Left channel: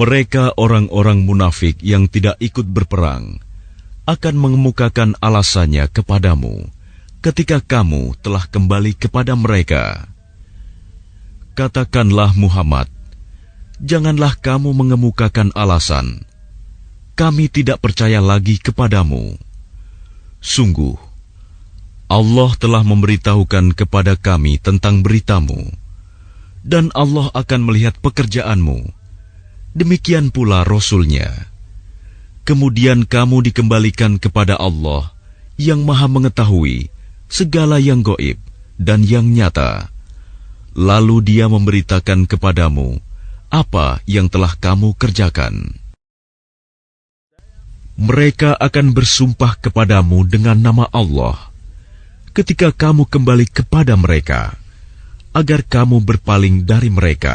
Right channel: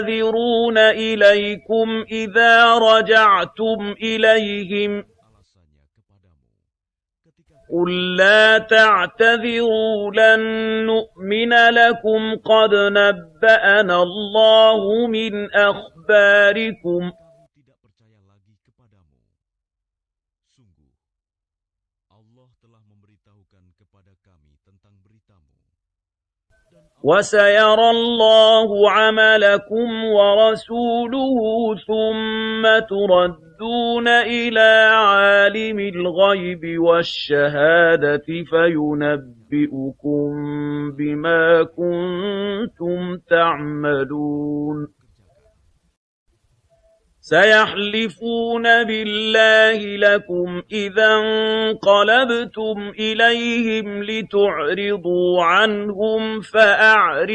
Mereka orang-orang munafik yang tidak ikut berperang akan mengemukakan alasannya kepadamu ketika kamu telah kembali kepada mereka. Katakanlah Muhammad, janganlah kamu mengemukakan alasan, kami tidak percaya lagi kepadamu. Sungguh, Allah telah memberitahukan kepada kami tentang beritamu, dan Allah akan melihat pekerjaanmu. Demikian pula Rasul-Nya. Kemudian kamu dikembalikan kepada Allah yang Maha mengetahui segala yang gaib dan yang nyata. Lalu Dia memberitakan kepadamu apa yang telah kamu kerjakan. Mereka akan bersumpah kepadamu dengan nama Allah ketika kamu kembali kepada mereka, agar kamu berpaling dari mereka.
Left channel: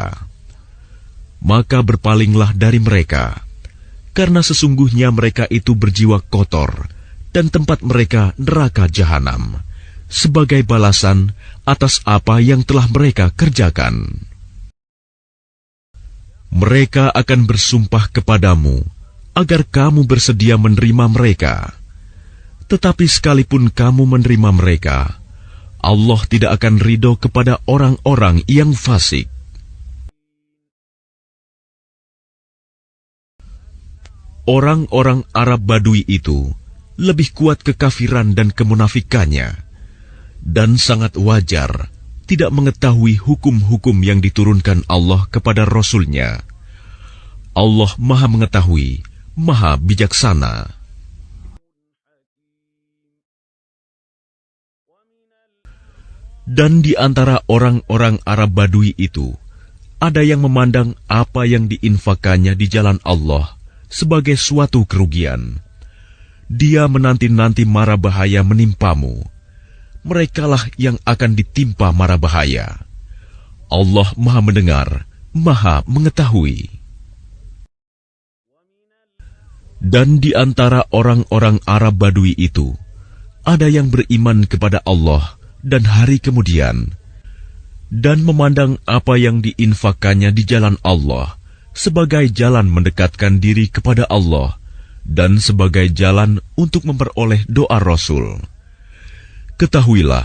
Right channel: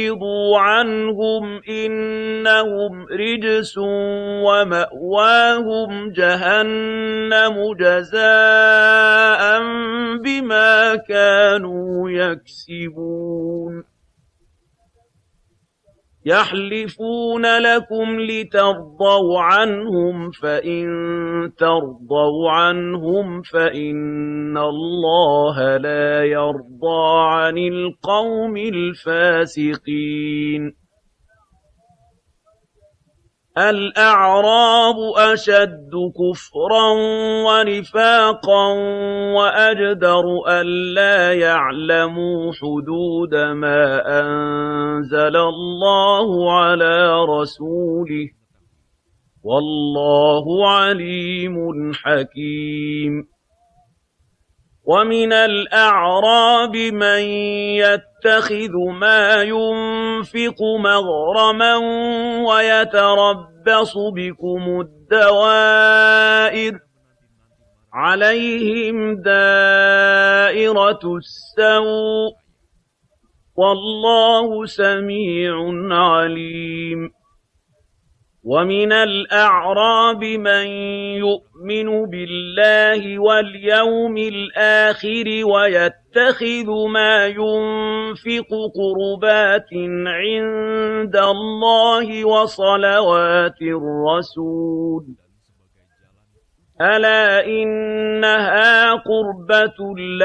Maka berpalinglah dari mereka, karena sesungguhnya mereka itu berjiwa kotor, dan tempat mereka neraka jahanam, sebagai balasan atas apa yang telah mereka kerjakan. Mereka akan bersumpah kepadamu agar kamu bersedia menerima mereka. Tetapi sekalipun kamu menerima mereka, Allah tidak akan ridho kepada orang-orang yang fasik. Orang-orang Arab Badui itu lebih kuat kekafiran dan kemunafikannya, dan sangat wajar tidak mengetahui hukum-hukum yang diturunkan Allah kepada Rasul-Nya. Allah Maha mengetahui, Maha bijaksana. Dan di antara orang-orang Arab Badui itu, ada yang memandang apa yang diinfakannya di jalan Allah sebagai suatu kerugian. Dia menanti-nanti mara bahaya menimpamu. Merekalah yang akan ditimpa mara bahaya. Allah Maha mendengar, Maha mengetahui. Dan di antara orang-orang Arab Badui itu, ada yang beriman kepada Allah dan hari kemudian, dan memandang apa yang diinfakannya di jalan Allah sebagai jalan mendekatkan diri kepada Allah dan sebagai jalan untuk memperoleh doa Rasul. Ketahuilah,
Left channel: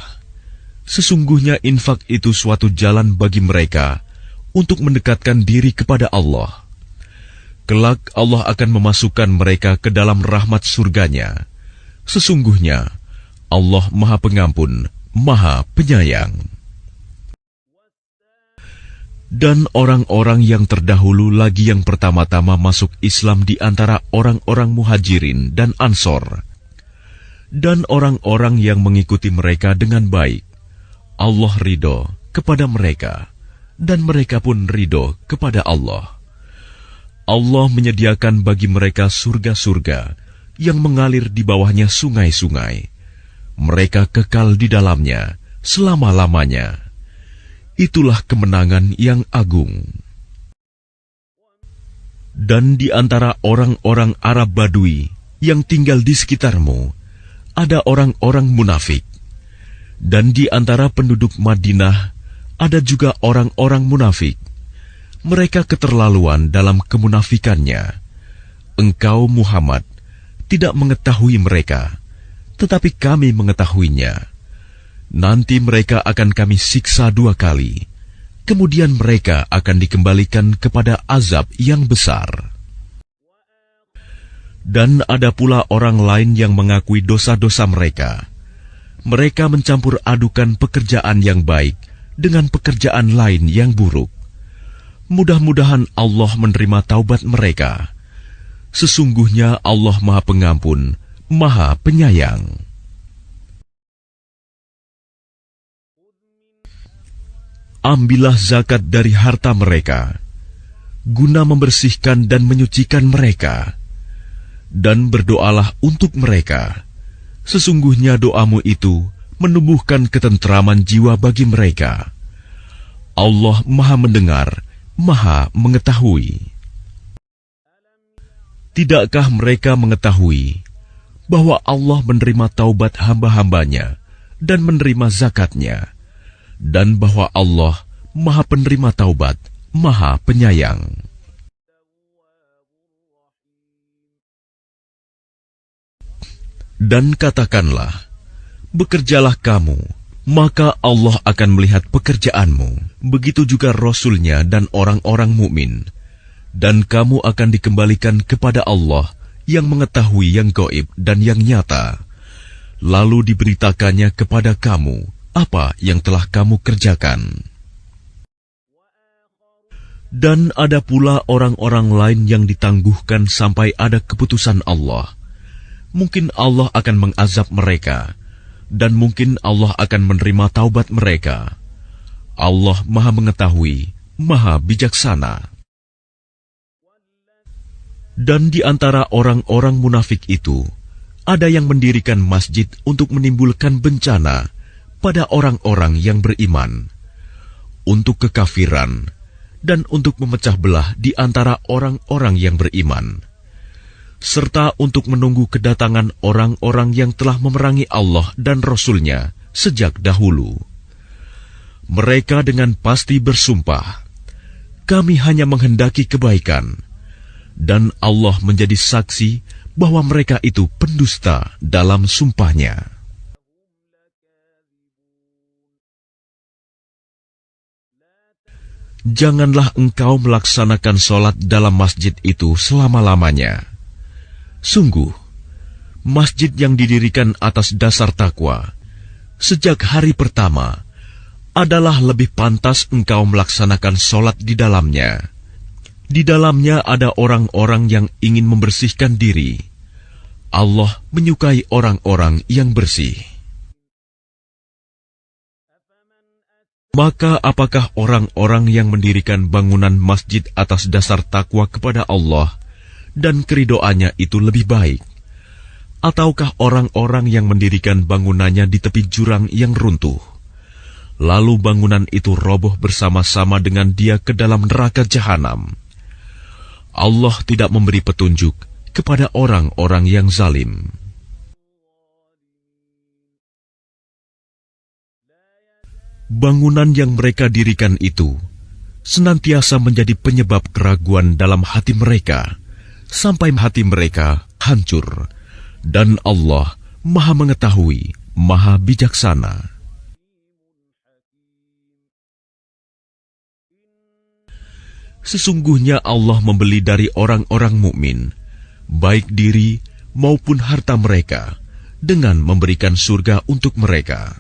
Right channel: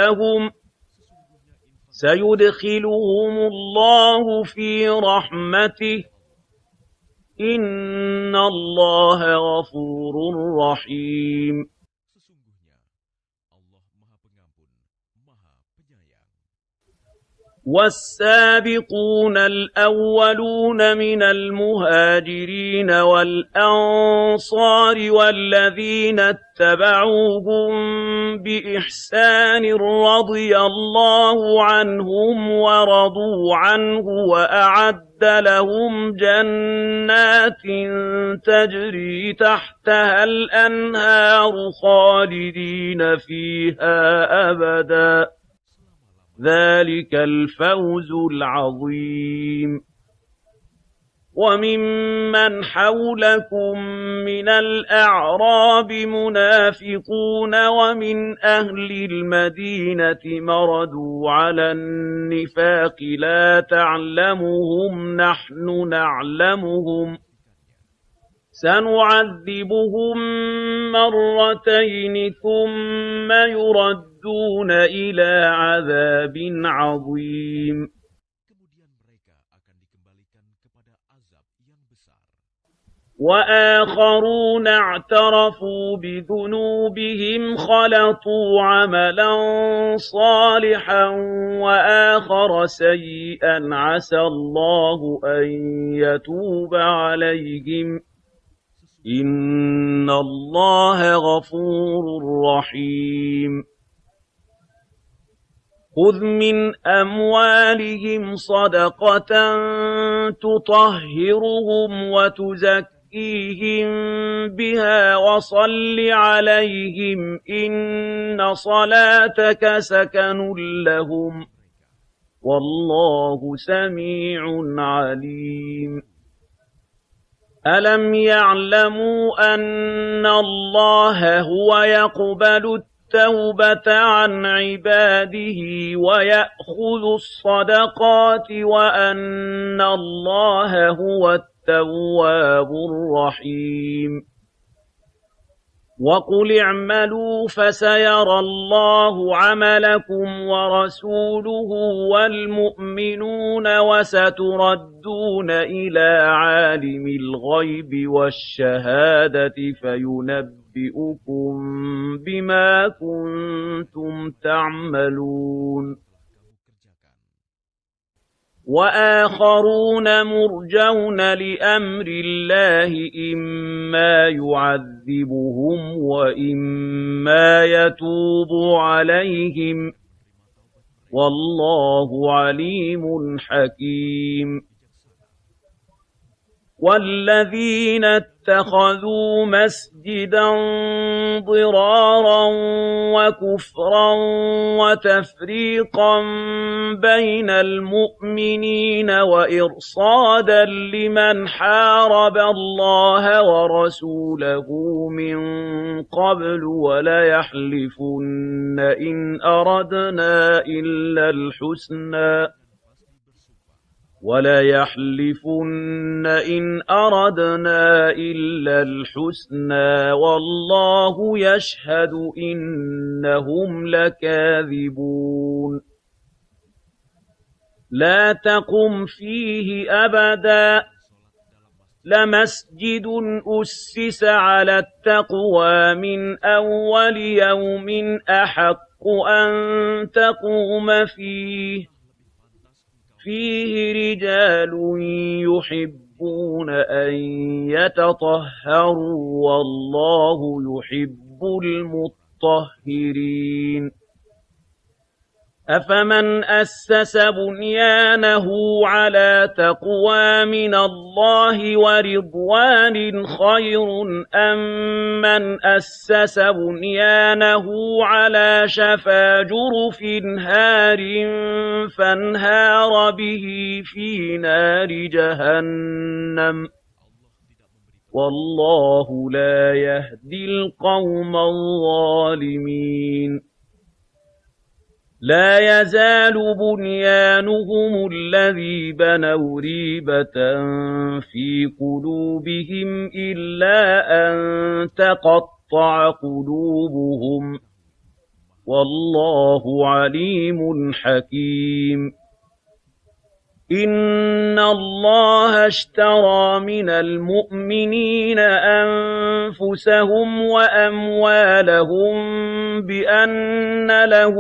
sesungguhnya infak itu suatu jalan bagi mereka untuk mendekatkan diri kepada Allah. Kelak Allah akan memasukkan mereka ke dalam rahmat surganya. Sesungguhnya Allah Maha Pengampun, Maha Penyayang. Dan orang-orang yang terdahulu lagi yang pertama-tama masuk Islam di antara orang-orang Muhajirin dan Ansor, dan orang-orang yang mengikuti mereka dengan baik, Allah ridho kepada mereka, dan mereka pun ridho kepada Allah. Allah menyediakan bagi mereka surga-surga yang mengalir di bawahnya sungai-sungai. Mereka kekal di dalamnya selama-lamanya. Itulah kemenangan yang agung. Dan di antara orang-orang Arab Badui yang tinggal di sekitarmu, ada orang-orang munafik. Dan di antara penduduk Madinah, ada juga orang-orang munafik. Mereka keterlaluan dalam kemunafikannya. Engkau Muhammad tidak mengetahui mereka, tetapi kami mengetahuinya. Nanti mereka akan kami siksa 2 kali. Kemudian mereka akan dikembalikan kepada azab yang besar. Dan ada pula orang lain yang mengakui dosa-dosa mereka. Mereka mencampur adukan pekerjaan yang baik dengan pekerjaan lain yang buruk. Mudah-mudahan Allah menerima taubat mereka. Sesungguhnya Allah Maha Pengampun, Maha Penyayang. Ambillah zakat dari harta mereka, guna membersihkan dan menyucikan mereka, dan berdoalah untuk mereka. Sesungguhnya doamu itu menumbuhkan ketentraman jiwa bagi mereka. Allah Maha mendengar, Maha mengetahui. Tidakkah mereka mengetahui bahwa Allah menerima taubat hamba-hambanya dan menerima zakatnya, dan bahwa Allah Maha penerima taubat, Maha Penyayang. Dan katakanlah, bekerjalah kamu, maka Allah akan melihat pekerjaanmu, begitu juga Rasul-Nya dan orang-orang mukmin. Dan kamu akan dikembalikan kepada Allah yang mengetahui yang gaib dan yang nyata. Lalu diberitakannya kepada kamu apa yang telah kamu kerjakan. Dan ada pula orang-orang lain yang ditangguhkan sampai ada keputusan Allah. Mungkin Allah akan mengazab mereka, dan mungkin Allah akan menerima taubat mereka. Allah Maha Mengetahui, Maha Bijaksana. Dan di antara orang-orang munafik itu, ada yang mendirikan masjid untuk menimbulkan bencana pada orang-orang yang beriman, untuk kekafiran, dan untuk memecah belah di antara orang-orang yang beriman, serta untuk menunggu kedatangan orang-orang yang telah memerangi Allah dan Rasul-Nya sejak dahulu. Mereka dengan pasti bersumpah, kami hanya menghendaki kebaikan, dan Allah menjadi saksi bahwa mereka itu pendusta dalam sumpahnya. Janganlah engkau melaksanakan sholat dalam masjid itu selama-lamanya. Sungguh, masjid yang didirikan atas dasar takwa sejak hari pertama adalah lebih pantas engkau melaksanakan sholat di dalamnya. Di dalamnya ada orang-orang yang ingin membersihkan diri. Allah menyukai orang-orang yang bersih. Maka apakah orang-orang yang mendirikan bangunan masjid atas dasar takwa kepada Allah dan keridoannya itu lebih baik? Ataukah orang-orang yang mendirikan bangunannya di tepi jurang yang runtuh, lalu bangunan itu roboh bersama-sama dengan dia ke dalam neraka jahanam? Allah tidak memberi petunjuk kepada orang-orang yang zalim. Bangunan yang mereka dirikan itu senantiasa menjadi penyebab keraguan dalam hati mereka, sampai hati mereka hancur. Dan Allah Maha Mengetahui, Maha Bijaksana. Sesungguhnya Allah membeli dari orang-orang mukmin, baik diri maupun harta mereka, dengan memberikan surga untuk mereka.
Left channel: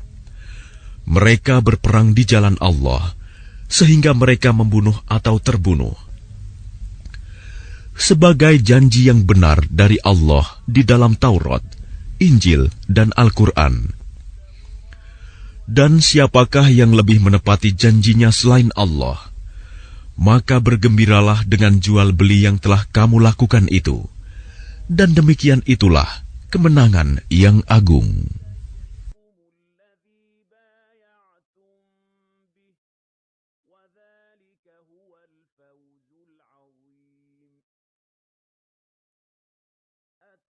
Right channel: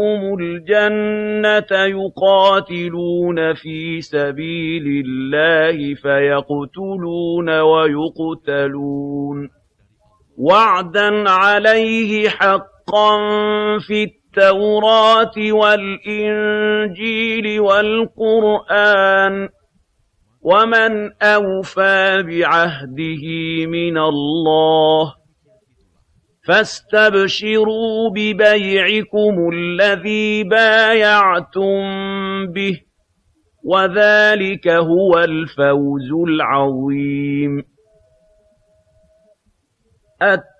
Mereka berperang di jalan Allah, sehingga mereka membunuh atau terbunuh, sebagai janji yang benar dari Allah di dalam Taurat, Injil, dan Al-Quran. Dan siapakah yang lebih menepati janjinya selain Allah? Maka bergembiralah dengan jual beli yang telah kamu lakukan itu. Dan demikian itulah kemenangan yang agung.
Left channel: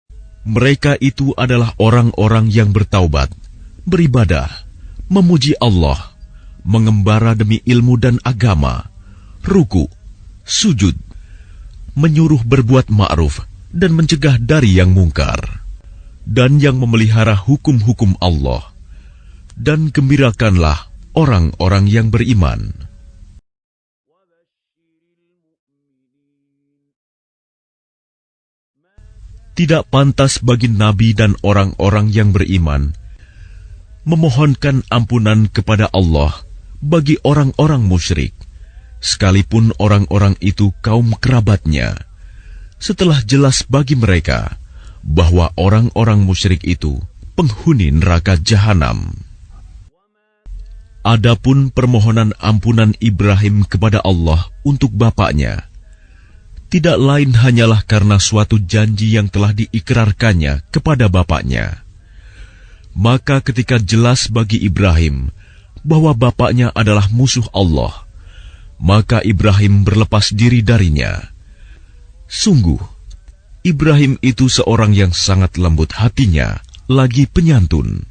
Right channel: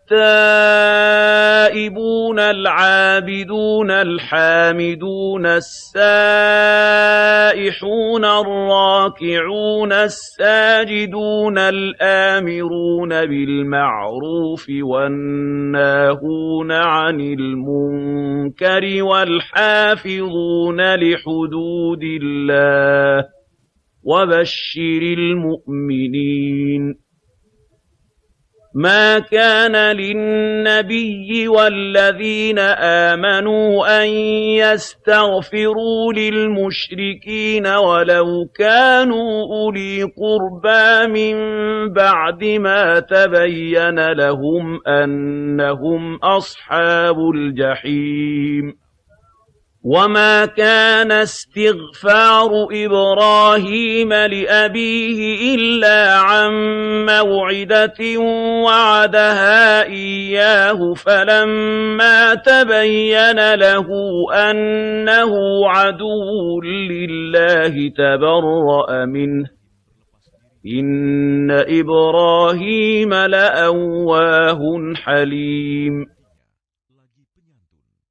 Mereka itu adalah orang-orang yang bertaubat, beribadah, memuji Allah, mengembara demi ilmu dan agama, rukuk, sujud, menyuruh berbuat ma'ruf dan mencegah dari yang mungkar, dan yang memelihara hukum-hukum Allah. Dan gembirakanlah orang-orang yang beriman. Tidak pantas bagi Nabi dan orang-orang yang beriman memohonkan ampunan kepada Allah bagi orang-orang musyrik, sekalipun orang-orang itu kaum kerabatnya, setelah jelas bagi mereka bahwa orang-orang musyrik itu penghuni neraka jahanam. Adapun permohonan ampunan Ibrahim kepada Allah untuk bapaknya tidak lain hanyalah karena suatu janji yang telah diikrarkannya kepada bapaknya. Maka ketika jelas bagi Ibrahim bahwa bapaknya adalah musuh Allah, maka Ibrahim berlepas diri darinya. Sungguh, Ibrahim itu seorang yang sangat lembut hatinya, lagi penyantun.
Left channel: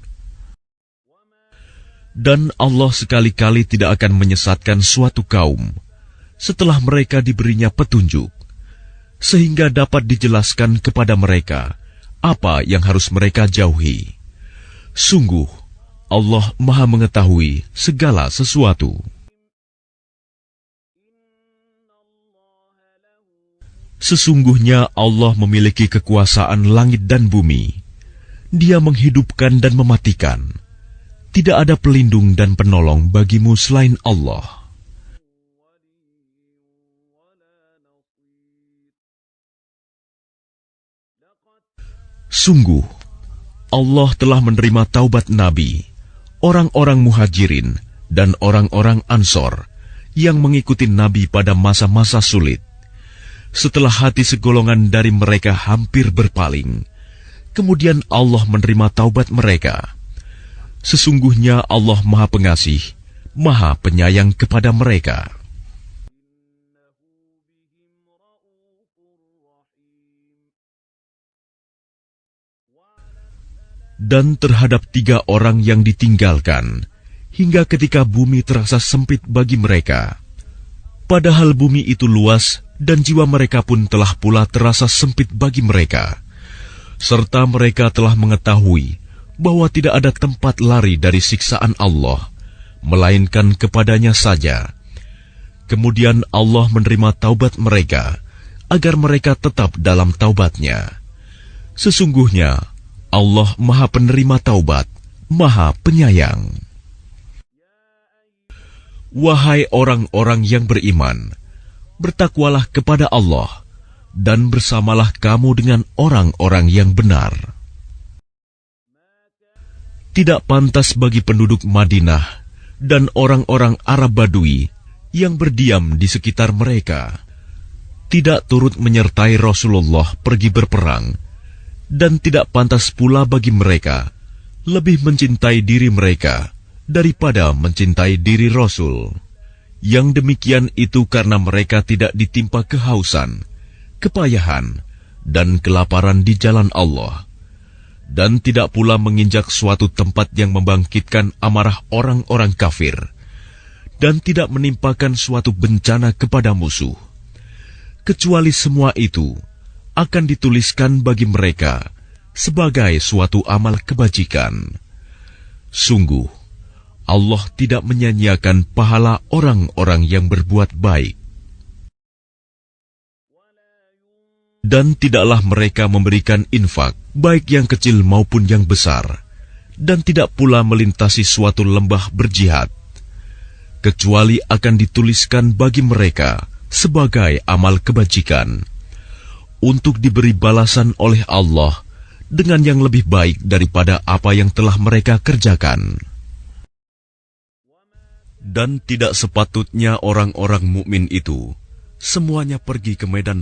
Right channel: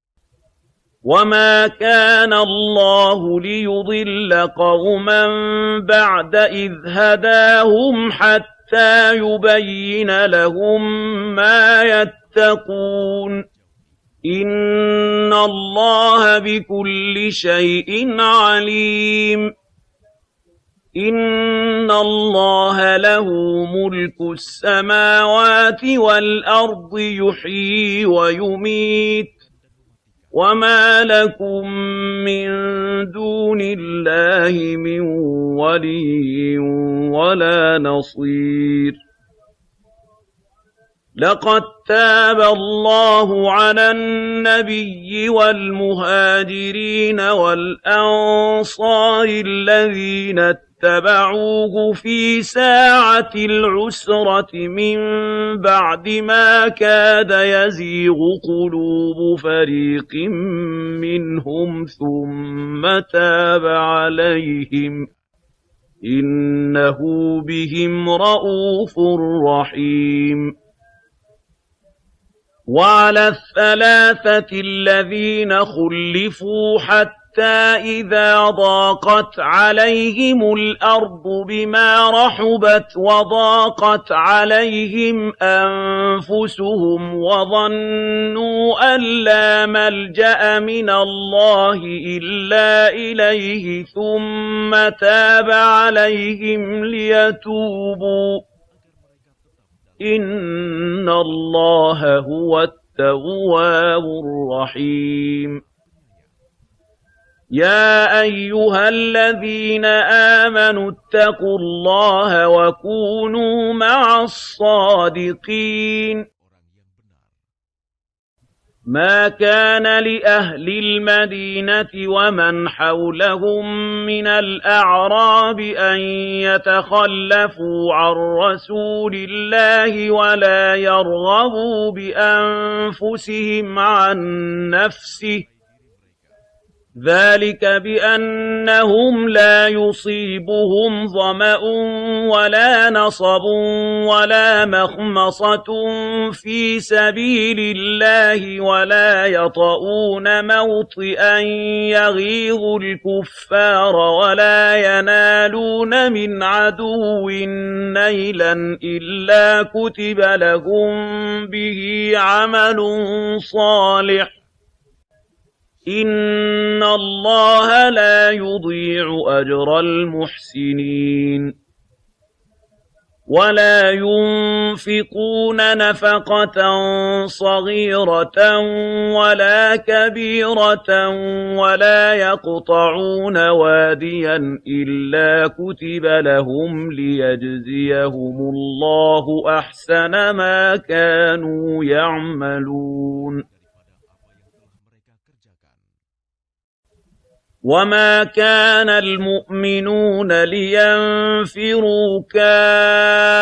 Dan Allah sekali-kali tidak akan menyesatkan suatu kaum setelah mereka diberinya petunjuk, sehingga dapat dijelaskan kepada mereka apa yang harus mereka jauhi. Sungguh, Allah Maha mengetahui segala sesuatu. Sesungguhnya Allah memiliki kekuasaan langit dan bumi. Dia menghidupkan dan mematikan. Tidak ada pelindung dan penolong bagimu selain Allah. Sungguh, Allah telah menerima taubat Nabi, orang-orang Muhajirin, dan orang-orang Ansor yang mengikuti Nabi pada masa-masa sulit. Setelah hati segolongan dari mereka hampir berpaling, kemudian Allah menerima taubat mereka. Sesungguhnya Allah Maha Pengasih, Maha Penyayang kepada mereka. Innahu bihim ra'ufur rahim. Dan terhadap 3 orang yang ditinggalkan, hingga ketika bumi terasa sempit bagi mereka, padahal bumi itu luas dan jiwa mereka pun telah pula terasa sempit bagi mereka, serta mereka telah mengetahui bahwa tidak ada tempat lari dari siksaan Allah, melainkan kepadanya saja. Kemudian Allah menerima taubat mereka, agar mereka tetap dalam taubatnya. Sesungguhnya Allah Maha Penerima Taubat, Maha Penyayang. Wahai orang-orang yang beriman, bertakwalah kepada Allah, dan bersamalah kamu dengan orang-orang yang benar. Tidak pantas bagi penduduk Madinah dan orang-orang Arab Badui yang berdiam di sekitar mereka, tidak turut menyertai Rasulullah pergi berperang, dan tidak pantas pula bagi mereka lebih mencintai diri mereka daripada mencintai diri Rasul. Yang demikian itu karena mereka tidak ditimpa kehausan, kepayahan, dan kelaparan di jalan Allah, dan tidak pula menginjak suatu tempat yang membangkitkan amarah orang-orang kafir, dan tidak menimpakan suatu bencana kepada musuh, kecuali semua itu akan dituliskan bagi mereka sebagai suatu amal kebajikan. Sungguh, Allah tidak menyia-nyiakan pahala orang-orang yang berbuat baik. Dan tidaklah mereka memberikan infak, baik yang kecil maupun yang besar, dan tidak pula melintasi suatu lembah berjihad, kecuali akan dituliskan bagi mereka sebagai amal kebajikan, untuk diberi balasan oleh Allah dengan yang lebih baik daripada apa yang telah mereka kerjakan. Dan tidak sepatutnya orang-orang mukmin itu semuanya pergi ke medan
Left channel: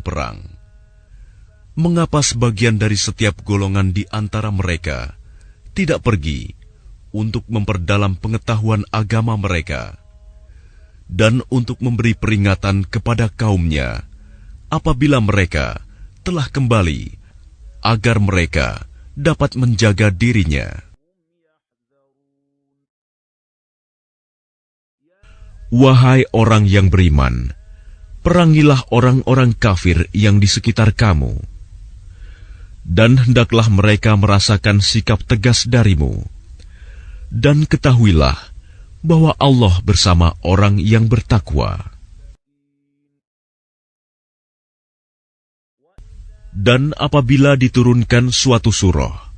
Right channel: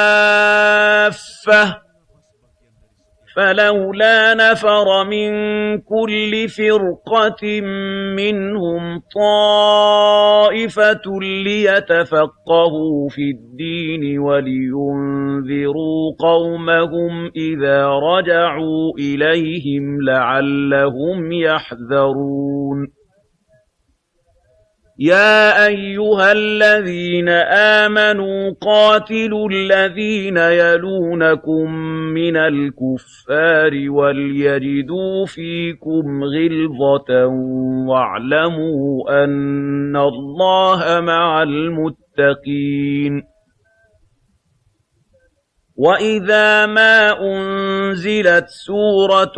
perang. Mengapa sebagian dari setiap golongan di antara mereka tidak pergi untuk memperdalam pengetahuan agama mereka dan untuk memberi peringatan kepada kaumnya apabila mereka telah kembali, agar mereka dapat menjaga dirinya. Wahai orang yang beriman, perangilah orang-orang kafir yang di sekitar kamu, dan hendaklah mereka merasakan sikap tegas darimu. Dan ketahuilah bahwa Allah bersama orang yang bertakwa. Dan apabila diturunkan suatu surat,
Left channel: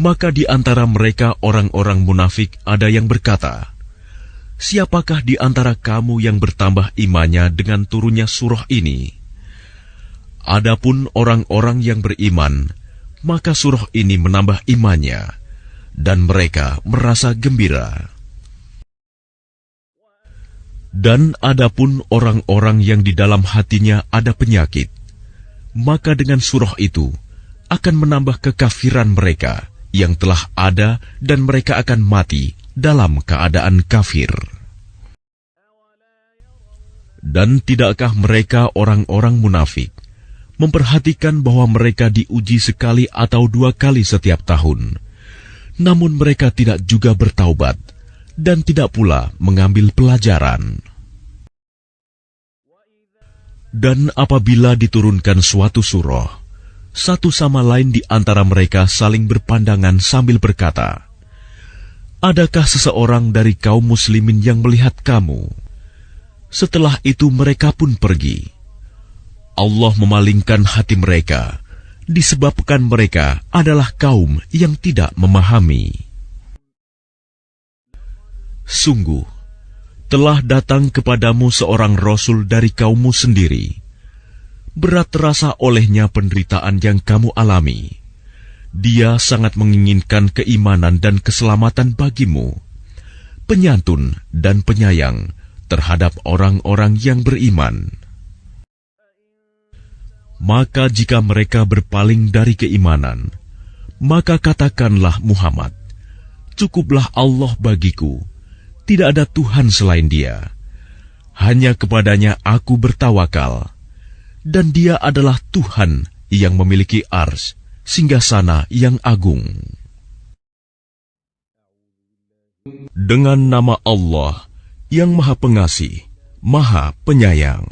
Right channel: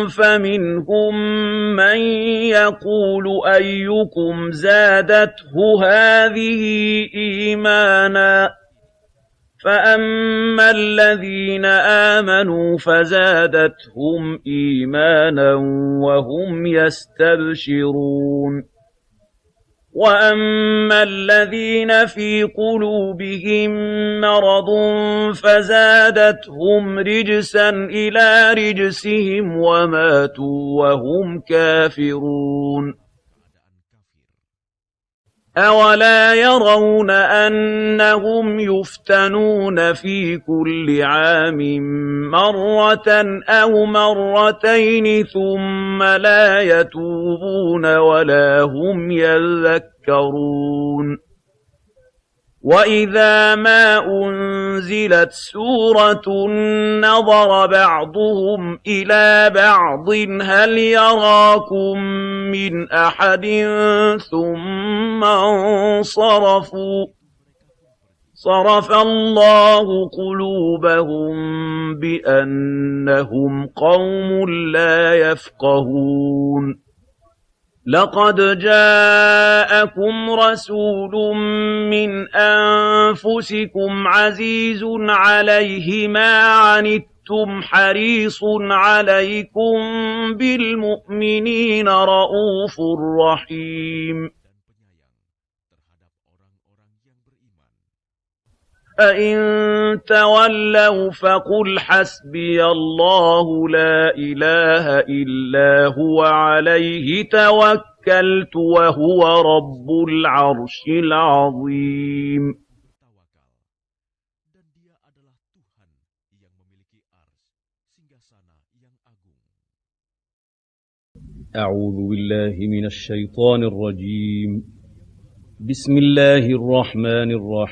maka di antara mereka orang-orang munafik ada yang berkata, siapakah di antara kamu yang bertambah imannya dengan turunnya surah ini? Adapun orang-orang yang beriman, maka surah ini menambah imannya, dan mereka merasa gembira. Dan adapun orang-orang yang di dalam hatinya ada penyakit, maka dengan surah itu akan menambah kekafiran mereka yang telah ada, dan mereka akan mati dalam keadaan kafir. Dan tidakkah mereka orang-orang munafik memperhatikan bahwa mereka diuji sekali atau dua kali setiap tahun, namun mereka tidak juga bertaubat dan tidak pula mengambil pelajaran. Dan apabila diturunkan suatu surah, satu sama lain di antara mereka saling berpandangan sambil berkata, "Adakah seseorang dari kaum muslimin yang melihat kamu?" Setelah itu mereka pun pergi. Allah memalingkan hati mereka, disebabkan mereka adalah kaum yang tidak memahami. Sungguh, telah datang kepadamu seorang Rasul dari kaummu sendiri. Berat terasa olehnya penderitaan yang kamu alami. Dia sangat menginginkan keimanan dan keselamatan bagimu, penyantun dan penyayang terhadap orang-orang yang beriman. Maka jika mereka berpaling dari keimanan, maka katakanlah Muhammad, cukuplah Allah bagiku, tidak ada Tuhan selain Dia. Hanya kepadanya aku bertawakal, dan Dia adalah Tuhan yang memiliki ars, singgasana yang agung. Dengan nama Allah yang Maha Pengasih, Maha Penyayang.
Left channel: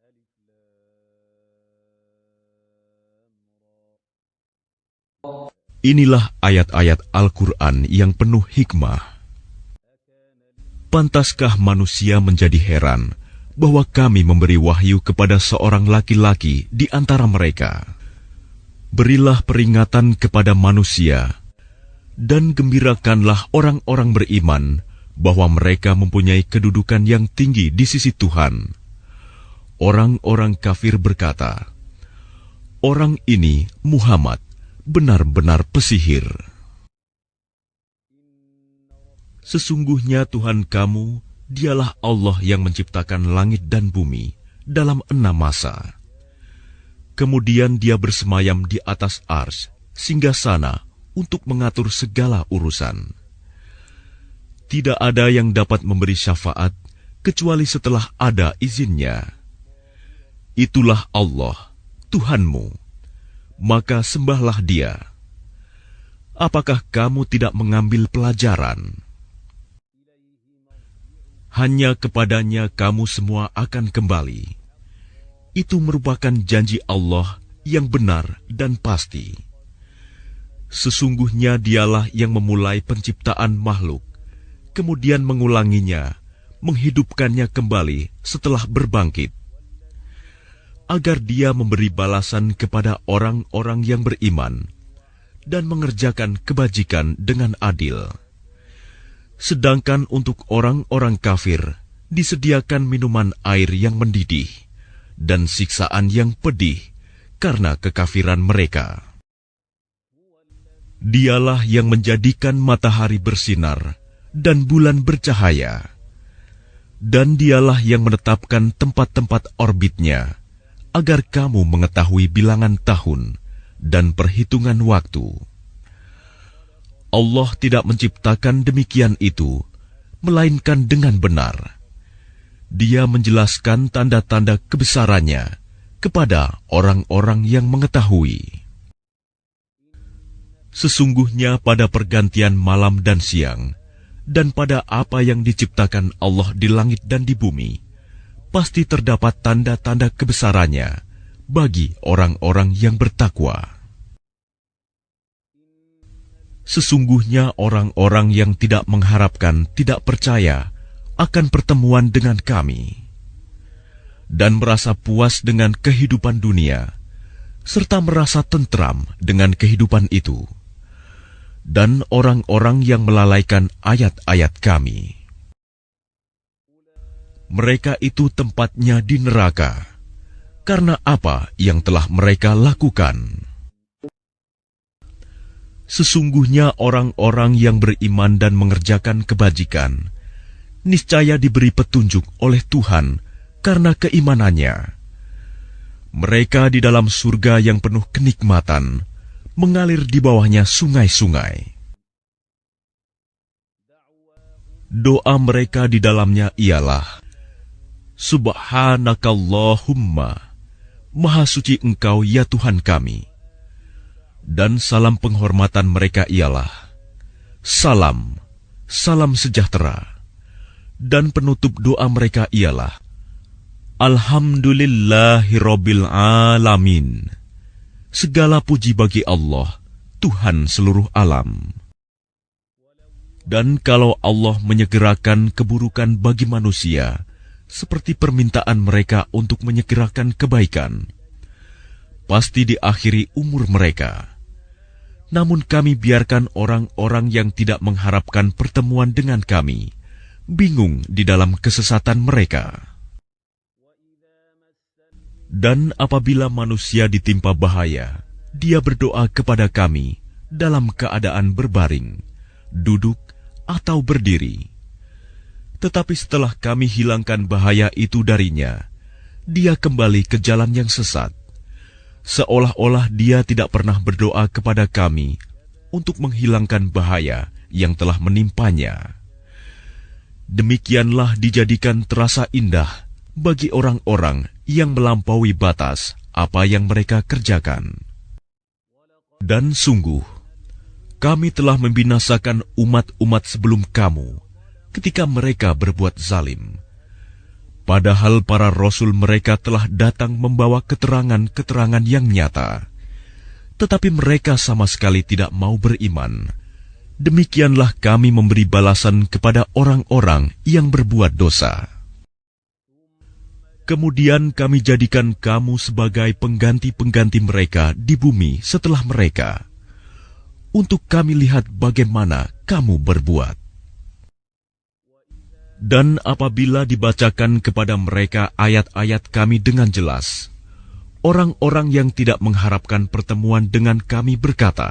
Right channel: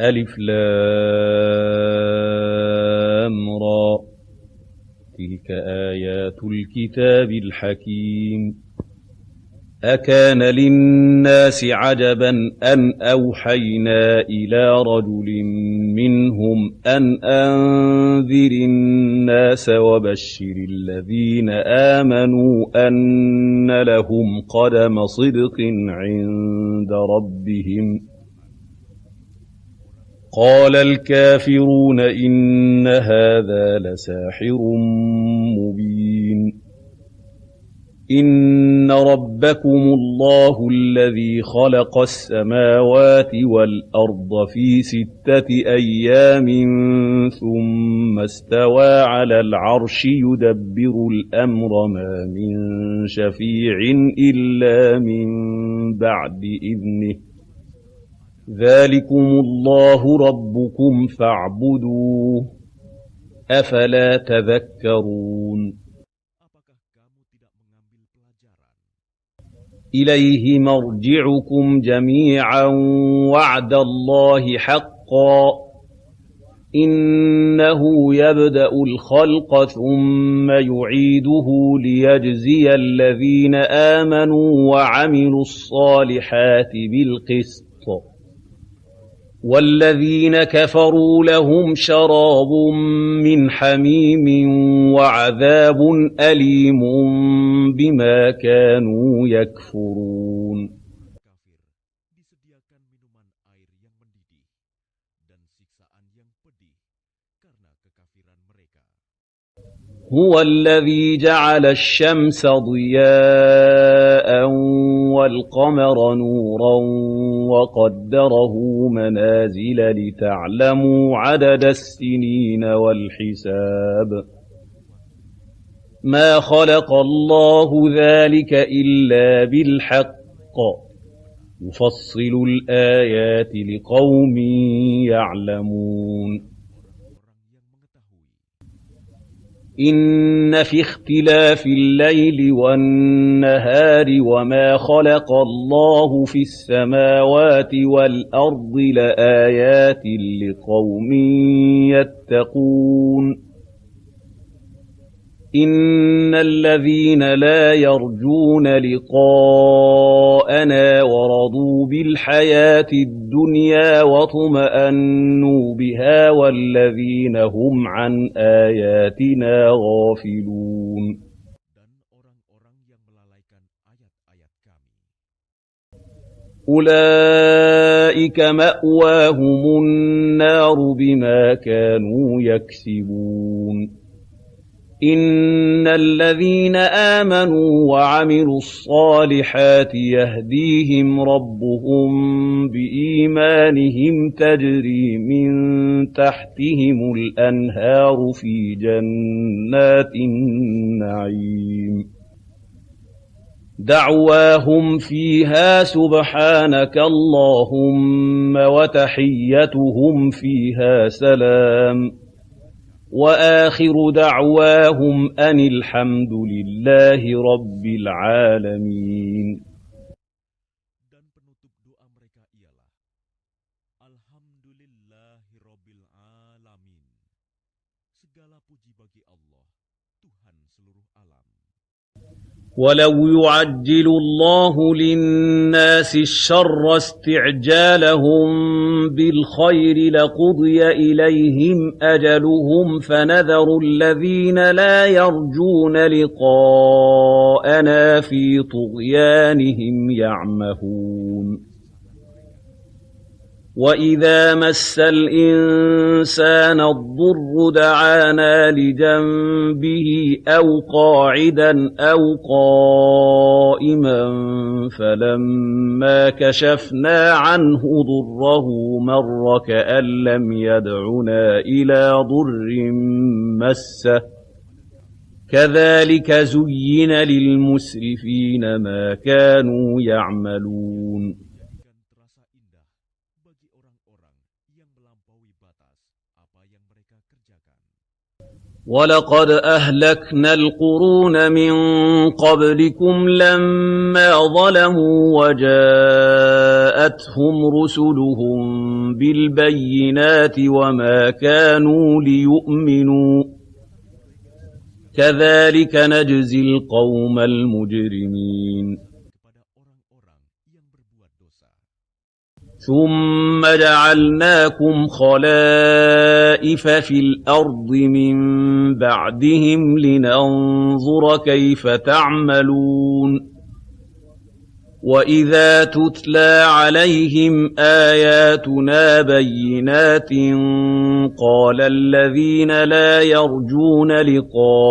Alif Lam Ra. Inilah ayat-ayat Al-Quran yang penuh hikmah. Pantaskah manusia menjadi heran bahwa kami memberi wahyu kepada seorang laki-laki di antara mereka? Berilah peringatan kepada manusia dan gembirakanlah orang-orang beriman bahwa mereka mempunyai kedudukan yang tinggi di sisi Tuhan. Orang-orang kafir berkata, "Orang ini, Muhammad, benar-benar pesihir." Sesungguhnya Tuhan kamu, dialah Allah yang menciptakan langit dan bumi dalam 6 masa. Kemudian Dia bersemayam di atas arsy singgasana untuk mengatur segala urusan. Tidak ada yang dapat memberi syafaat kecuali setelah ada izinnya. Itulah Allah, Tuhanmu. Maka sembahlah Dia. Apakah kamu tidak mengambil pelajaran? Hanya kepadanya kamu semua akan kembali. Itu merupakan janji Allah yang benar dan pasti. Sesungguhnya Dialah yang memulai penciptaan makhluk, kemudian mengulanginya, menghidupkannya kembali setelah berbangkit, agar Dia memberi balasan kepada orang-orang yang beriman dan mengerjakan kebajikan dengan adil. Sedangkan untuk orang-orang kafir disediakan minuman air yang mendidih dan siksaan yang pedih karena kekafiran mereka. Dialah yang menjadikan matahari bersinar dan bulan bercahaya, dan Dialah yang menetapkan tempat-tempat orbitnya agar kamu mengetahui bilangan tahun dan perhitungan waktu. Allah tidak menciptakan demikian itu, melainkan dengan benar. Dia menjelaskan tanda-tanda kebesarannya kepada orang-orang yang mengetahui. Sesungguhnya pada pergantian malam dan siang, dan pada apa yang diciptakan Allah di langit dan di bumi, pasti terdapat tanda-tanda kebesarannya bagi orang-orang yang bertakwa. Sesungguhnya orang-orang yang tidak mengharapkan, tidak percaya akan pertemuan dengan kami, dan merasa puas dengan kehidupan dunia, serta merasa tentram dengan kehidupan itu, dan orang-orang yang melalaikan ayat-ayat kami. Mereka itu tempatnya di neraka, karena apa yang telah mereka lakukan. Sesungguhnya orang-orang yang beriman dan mengerjakan kebajikan niscaya diberi petunjuk oleh Tuhan karena keimanannya. Mereka di dalam surga yang penuh kenikmatan, mengalir di bawahnya sungai-sungai. دعواهم Doa mereka فيها di dalamnya سبحانك ialah, اللهم Subhanakallahumma, وتحيتهم فيها Maha suci سلام Engkau ya Tuhan kami. وآخر Dan salam دعواهم أن penghormatan mereka الحمد ialah, لله رب Salam, العالمين. salam sejahtera. Dan penutup doa mereka ialah, Alhamdulillahirabbil alamin. Segala puji bagi Allah, Tuhan seluruh alam. Dan kalau Allah menyegerakan keburukan bagi manusia, seperti permintaan mereka untuk menyegerakan kebaikan, pasti diakhiri umur mereka. Namun kami biarkan orang-orang yang tidak mengharapkan pertemuan dengan kami bingung di dalam kesesatan mereka. Dan apabila manusia ditimpa bahaya, dia berdoa kepada kami dalam keadaan berbaring, duduk, atau berdiri. Tetapi setelah kami hilangkan bahaya itu darinya, dia kembali ke jalan yang sesat, seolah-olah dia tidak pernah berdoa kepada kami untuk menghilangkan bahaya yang telah menimpanya. Demikianlah dijadikan terasa indah bagi orang-orang yang melampaui batas apa yang mereka kerjakan. Dan sungguh, kami telah membinasakan umat-umat sebelum kami ketika mereka berbuat zalim. Padahal para rasul mereka telah datang membawa keterangan-keterangan yang nyata, tetapi mereka sama sekali tidak mau beriman. Demikianlah kami memberi balasan kepada orang-orang yang berbuat dosa. Kemudian kami jadikan kamu sebagai pengganti-pengganti mereka di bumi setelah mereka, untuk kami lihat bagaimana kamu berbuat. Dan apabila dibacakan kepada mereka ayat-ayat kami dengan jelas, orang-orang yang tidak mengharapkan pertemuan dengan kami berkata,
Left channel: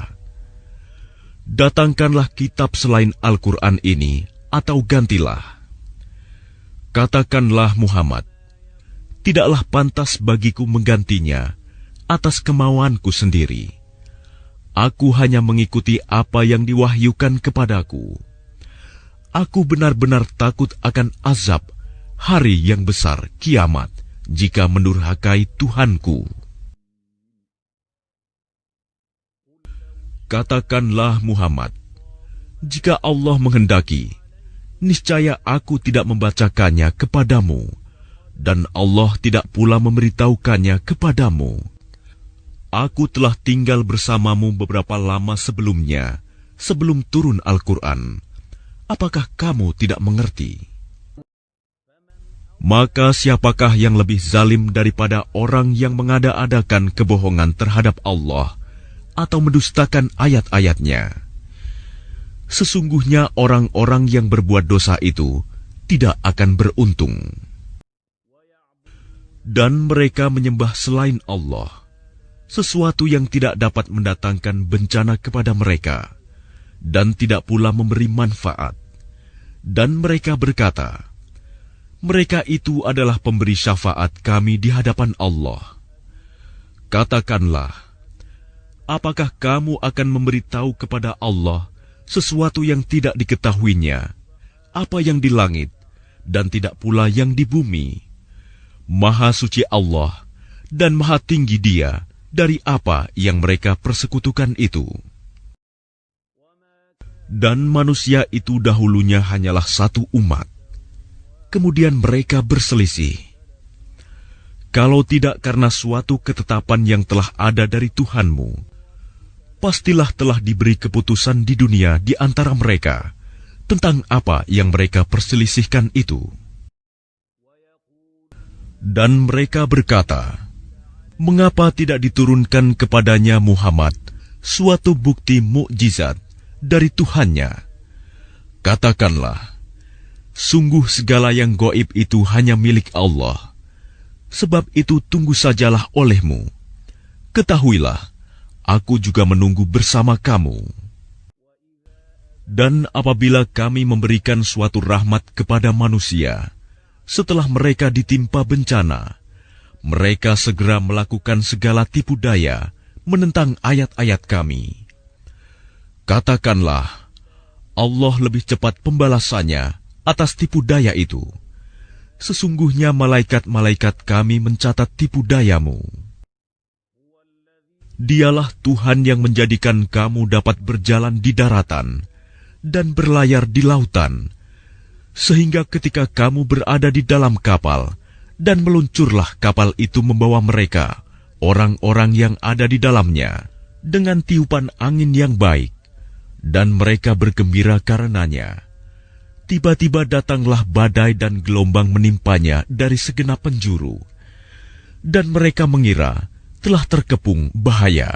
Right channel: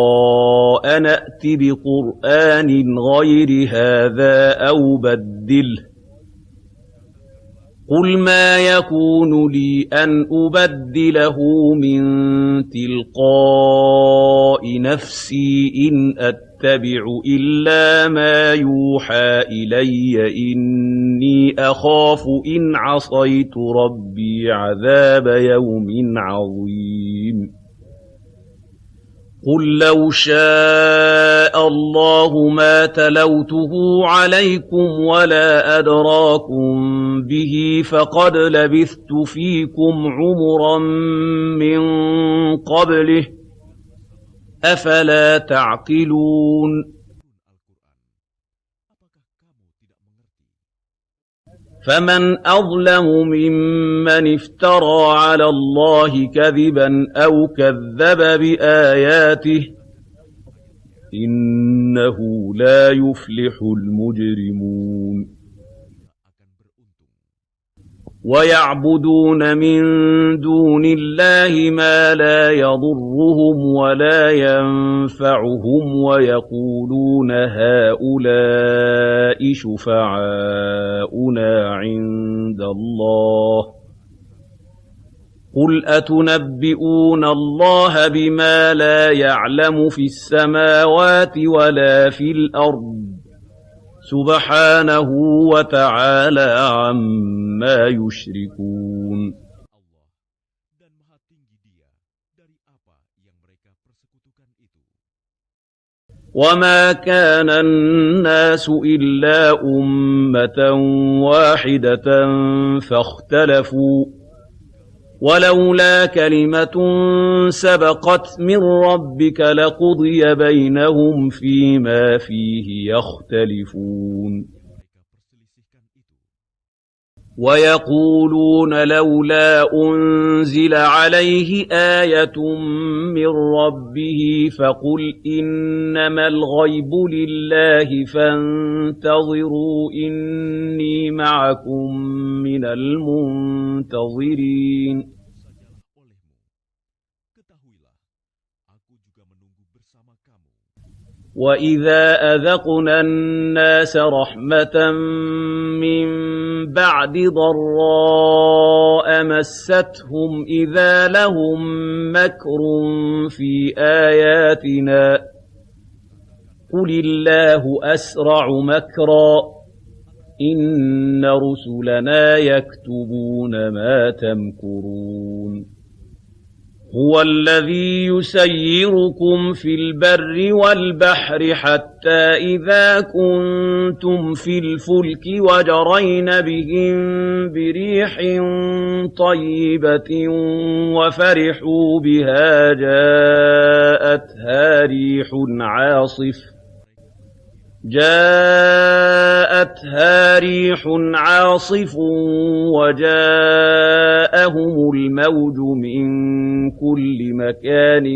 datangkanlah kitab selain Al-Quran ini, atau gantilah. Katakanlah Muhammad, tidaklah pantas bagiku menggantinya atas kemauanku sendiri. Aku hanya mengikuti apa yang diwahyukan kepadaku. Aku benar-benar takut akan azab hari yang besar kiamat jika mendurhakai Tuhanku. Katakanlah Muhammad, jika Allah menghendaki, niscaya aku tidak membacakannya kepadamu, dan Allah tidak pula memberitahukannya kepadamu. Aku telah tinggal bersamamu beberapa lama sebelumnya, sebelum turun Al-Quran. Apakah kamu tidak mengerti? Maka siapakah yang lebih zalim daripada orang yang mengada-adakan kebohongan terhadap Allah atau mendustakan ayat-ayatnya? Sesungguhnya orang-orang yang berbuat dosa itu tidak akan beruntung. Dan mereka menyembah selain Allah sesuatu yang tidak dapat mendatangkan bencana kepada mereka dan tidak pula memberi manfaat. Dan mereka berkata, mereka itu adalah pemberi syafaat kami di hadapan Allah. Katakanlah, apakah kamu akan memberitahu kepada Allah sesuatu yang tidak diketahuinya, apa yang di langit dan tidak pula yang di bumi? Maha suci Allah dan maha tinggi Dia dari apa yang mereka persekutukan itu. Dan manusia itu dahulunya hanyalah satu umat, kemudian mereka berselisih. Kalau tidak karena suatu ketetapan yang telah ada dari Tuhanmu, pastilah telah diberi keputusan di dunia di antara mereka tentang apa yang mereka perselisihkan itu. Dan mereka berkata, mengapa tidak diturunkan kepadanya Muhammad suatu bukti mukjizat dari Tuhannya? Katakanlah, sungguh segala yang gaib itu hanya milik Allah. Sebab itu tunggu sajalah olehmu. Ketahuilah, aku juga menunggu bersama kamu. Dan apabila kami memberikan suatu rahmat kepada manusia, setelah mereka ditimpa bencana, mereka segera melakukan segala tipu daya menentang ayat-ayat kami. Katakanlah, قل الله Allah أسرع lebih cepat مكرا pembalasannya atas tipu daya itu. إن رسلنا Sesungguhnya malaikat-malaikat يكتبون kami ما mencatat tipu تمكرون. dayamu. هو الذي Dialah Tuhan yang يسيركم menjadikan في kamu البر dapat berjalan di والبحر daratan حتى إذا dan berlayar di lautan, كنتم في الفلك sehingga ketika وجرين kamu berada di dalam بهم kapal, بريح dan meluncurlah kapal itu طيبة membawa mereka, وفرحوا orang-orang yang بها ada di dalamnya, dengan tiupan جاءتها angin yang ريح baik, عاصف dan mereka bergembira karenanya. Tiba-tiba datanglah badai dan gelombang menimpanya dari segenap penjuru, dan mereka mengira telah terkepung bahaya.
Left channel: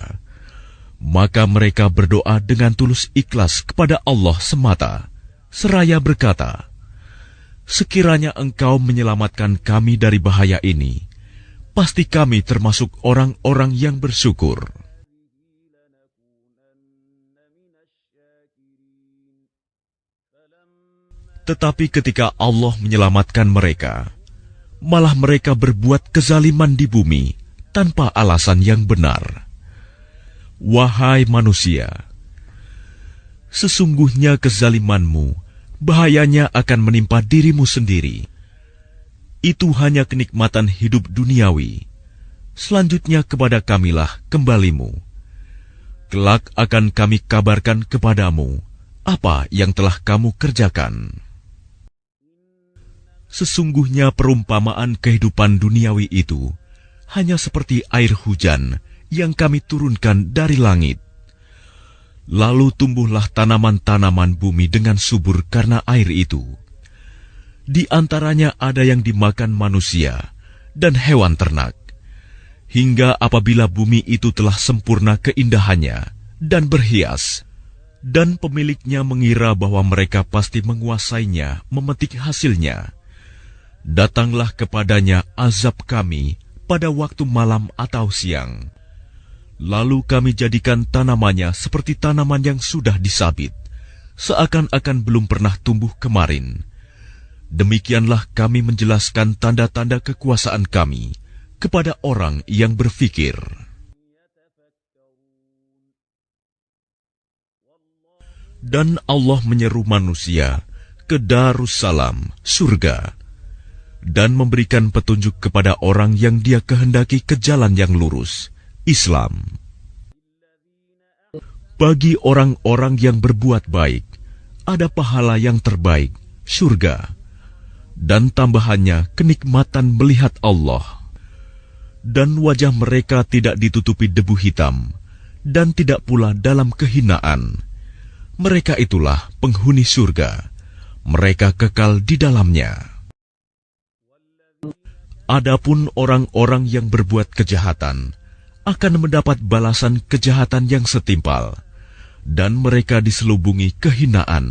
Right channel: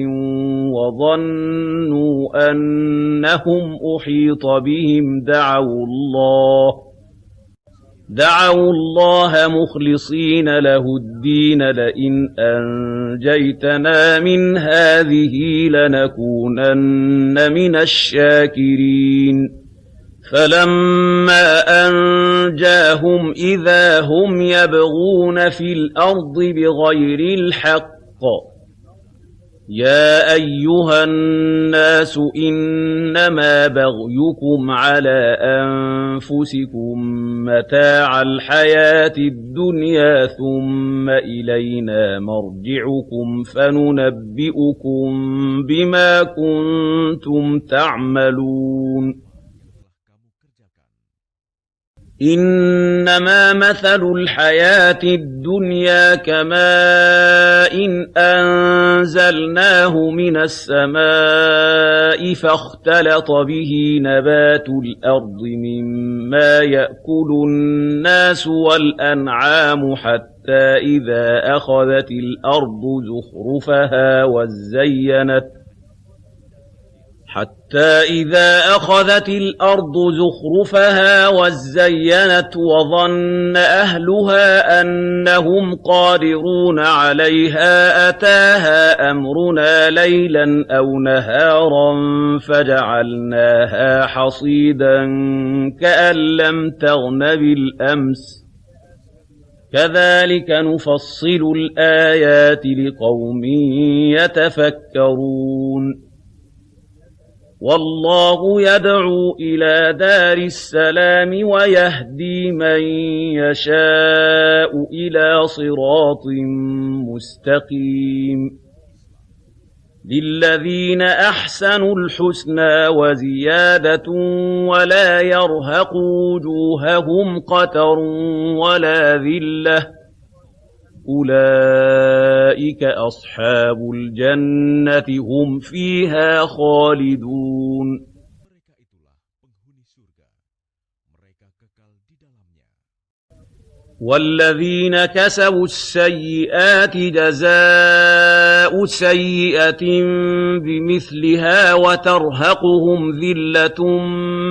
Maka mereka berdoa dengan tulus ikhlas kepada Allah semata, seraya berkata, sekiranya Engkau menyelamatkan kami dari bahaya ini, pasti kami termasuk orang-orang yang bersyukur. Tetapi ketika Allah menyelamatkan mereka, malah mereka berbuat kezaliman di bumi tanpa alasan yang benar. Wahai manusia, sesungguhnya kezalimanmu, bahayanya akan menimpa dirimu sendiri. Itu hanya kenikmatan hidup duniawi. Selanjutnya kepada kamilah kembalimu. Kelak akan kami kabarkan kepadamu apa yang telah kamu kerjakan. Sesungguhnya perumpamaan kehidupan duniawi itu hanya seperti air hujan yang kami turunkan dari langit. Lalu tumbuhlah tanaman-tanaman bumi dengan subur karena air itu. Di antaranya ada yang dimakan manusia dan hewan ternak, hingga apabila bumi itu telah sempurna keindahannya dan berhias, dan pemiliknya mengira bahwa mereka pasti menguasainya, memetik hasilnya, datanglah kepadanya azab kami pada waktu malam atau siang. Lalu kami jadikan tanamannya seperti tanaman yang sudah disabit, seakan-akan belum pernah tumbuh kembali. Demikianlah kami menjelaskan tanda-tanda kekuasaan kami kepada orang yang berfikir. Dan Allah menyeru manusia ke Darussalam, surga, dan memberikan petunjuk kepada orang yang Dia kehendaki ke jalan yang lurus, Islam. Bagi orang-orang yang berbuat baik, ada pahala yang terbaik, surga, dan tambahannya kenikmatan melihat Allah. Dan wajah mereka tidak ditutupi debu hitam, dan tidak pula dalam kehinaan. Mereka itulah penghuni surga. Mereka kekal di dalamnya. Adapun orang-orang yang berbuat kejahatan akan mendapat balasan kejahatan yang setimpal, dan mereka diselubungi kehinaan.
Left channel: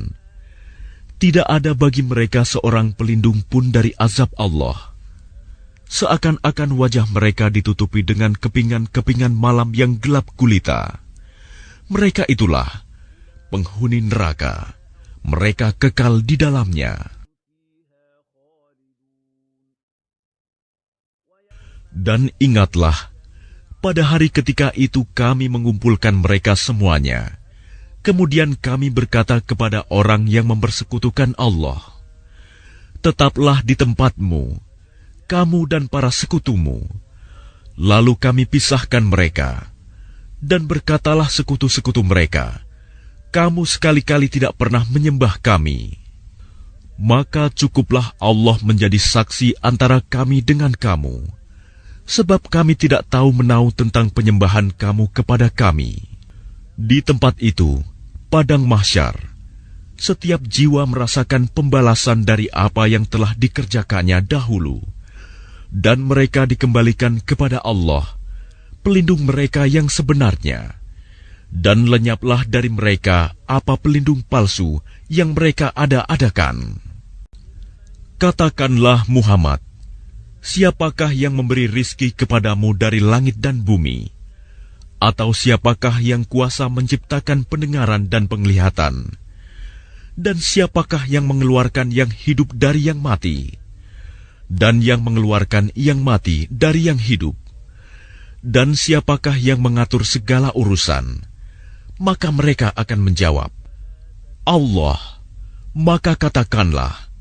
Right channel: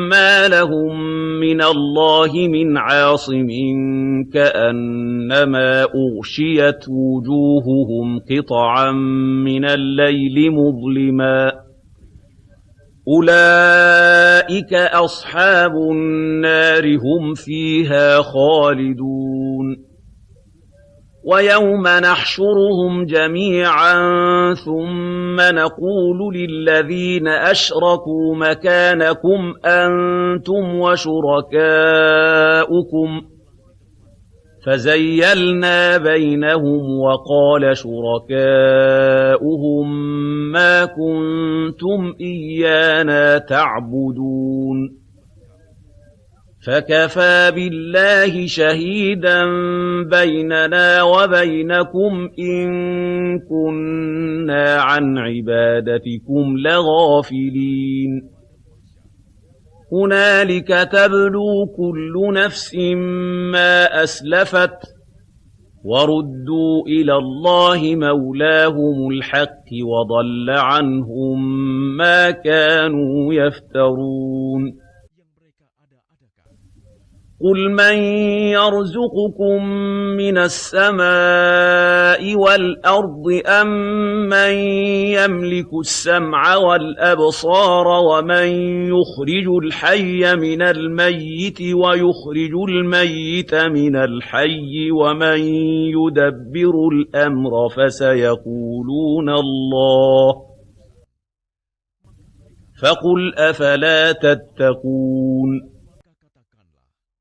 Tidak ada bagi mereka seorang pelindung pun dari azab Allah. Seakan-akan wajah mereka ditutupi dengan kepingan-kepingan malam yang gelap gulita. Mereka itulah penghuni neraka. Mereka kekal di dalamnya. Dan ingatlah, pada hari ketika itu kami mengumpulkan mereka semuanya. Kemudian kami berkata kepada orang yang mempersekutukan Allah, tetaplah di tempatmu, kamu dan para sekutumu. Lalu kami pisahkan mereka. Dan berkatalah sekutu-sekutu mereka, kamu sekali-kali tidak pernah menyembah kami. Maka cukuplah Allah menjadi saksi antara kami dengan kamu, sebab kami tidak tahu menau tentang penyembahan kamu kepada kami. Di tempat itu, padang mahsyar, setiap jiwa merasakan pembalasan dari apa yang telah dikerjakannya dahulu. Dan mereka dikembalikan kepada Allah, pelindung mereka yang sebenarnya. Dan lenyaplah dari mereka apa pelindung palsu yang mereka ada-adakan. Katakanlah Muhammad, siapakah yang memberi rizki kepadamu dari langit dan bumi? Atau siapakah yang kuasa menciptakan pendengaran dan penglihatan? Dan siapakah yang mengeluarkan yang hidup dari yang mati? Dan yang mengeluarkan yang mati dari yang hidup? Dan siapakah yang mengatur segala urusan? Maka mereka akan فقل menjawab, أفلا تتقون maka katakanlah,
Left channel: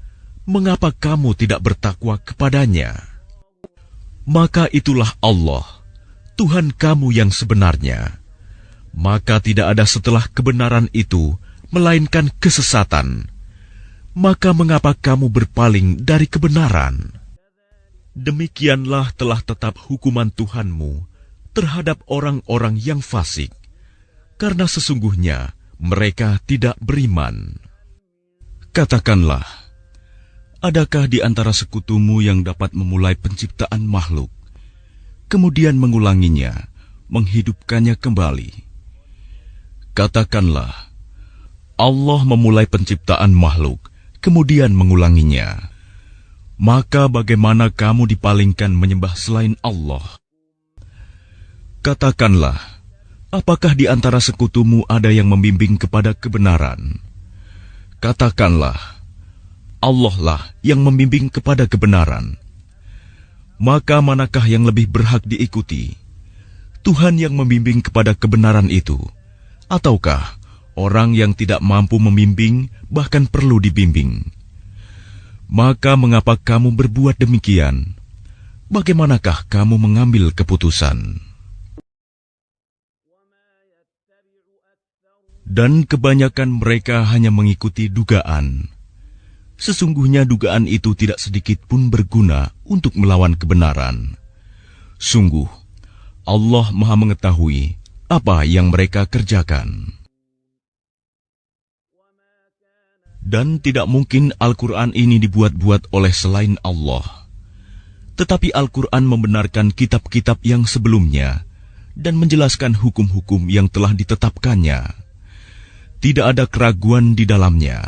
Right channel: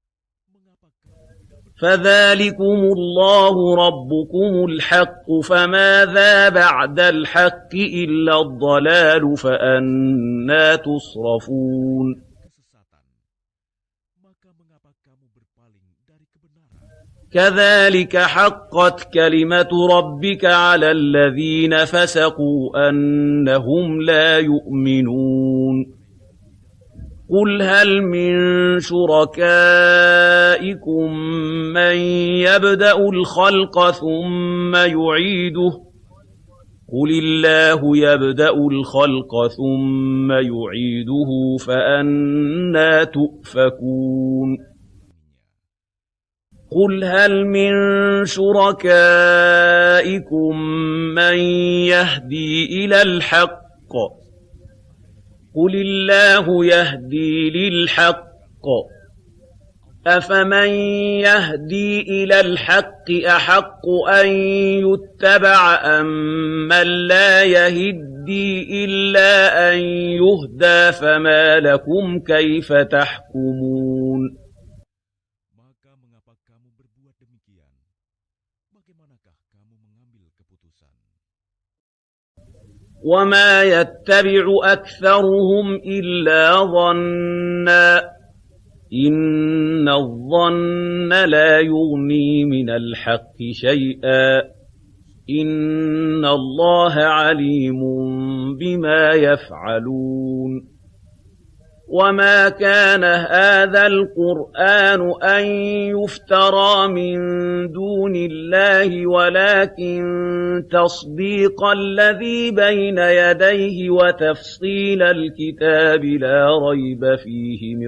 mengapa kamu tidak bertakwa فذلكم kepadanya? الله ربكم Maka itulah الحق Allah, فماذا Tuhan بعد kamu yang الحق sebenarnya. إلا الضلال Maka tidak ada setelah kebenaran فأنى itu, تصرفون. melainkan kesesatan. Maka mengapa kamu berpaling dari kebenaran? كذلك Demikianlah حقت telah كلمة tetap hukuman ربك Tuhanmu على الذين terhadap فسقوا orang-orang yang fasik, أنهم لا karena sesungguhnya يؤمنون mereka tidak beriman. قل هل من Katakanlah, شركائكم adakah di antara من sekutumu yang dapat يبدأ memulai الخلق penciptaan makhluk, ثم kemudian يعيده mengulanginya, قل الله menghidupkannya kembali? يبدأ الخلق ثم Katakanlah, يعيده Allah memulai فأنى penciptaan makhluk, تؤفكون kemudian mengulanginya. Maka bagaimana kamu dipalingkan menyembah selain Allah? Katakanlah, apakah di antara sekutumu ada yang membimbing kepada kebenaran? Katakanlah, Allah lah yang membimbing kepada kebenaran. Maka manakah yang lebih berhak diikuti? Tuhan yang membimbing kepada kebenaran itu, ataukah orang yang tidak mampu membimbing bahkan perlu dibimbing? Maka mengapa kamu berbuat demikian? Bagaimanakah kamu mengambil keputusan? Dan kebanyakan mereka hanya mengikuti dugaan. Sesungguhnya dugaan itu tidak sedikit pun berguna untuk melawan kebenaran. Sungguh, Allah Maha mengetahui apa yang mereka kerjakan. Dan tidak mungkin Al-Quran ini dibuat-buat oleh selain Allah. Tetapi Al-Quran membenarkan kitab-kitab yang sebelumnya dan menjelaskan hukum-hukum yang telah ditetapkannya. Tidak ada keraguan di dalamnya.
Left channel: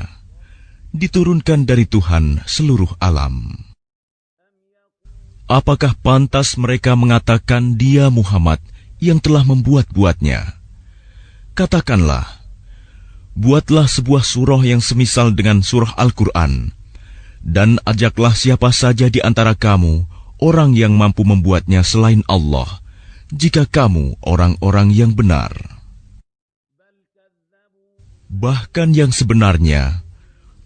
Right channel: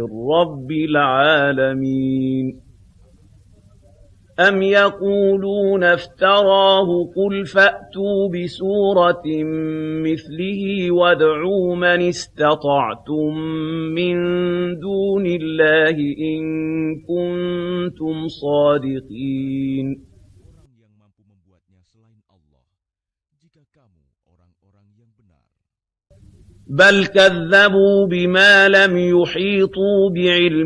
Diturunkan dari Tuhan seluruh alam. Apakah pantas mereka mengatakan Dia Muhammad yang telah membuat-buatnya? Katakanlah, buatlah sebuah surah yang semisal dengan surah Al-Quran, dan ajaklah siapa saja di antara kamu, orang yang mampu membuatnya selain Allah, jika kamu orang-orang yang benar. Bahkan yang sebenarnya,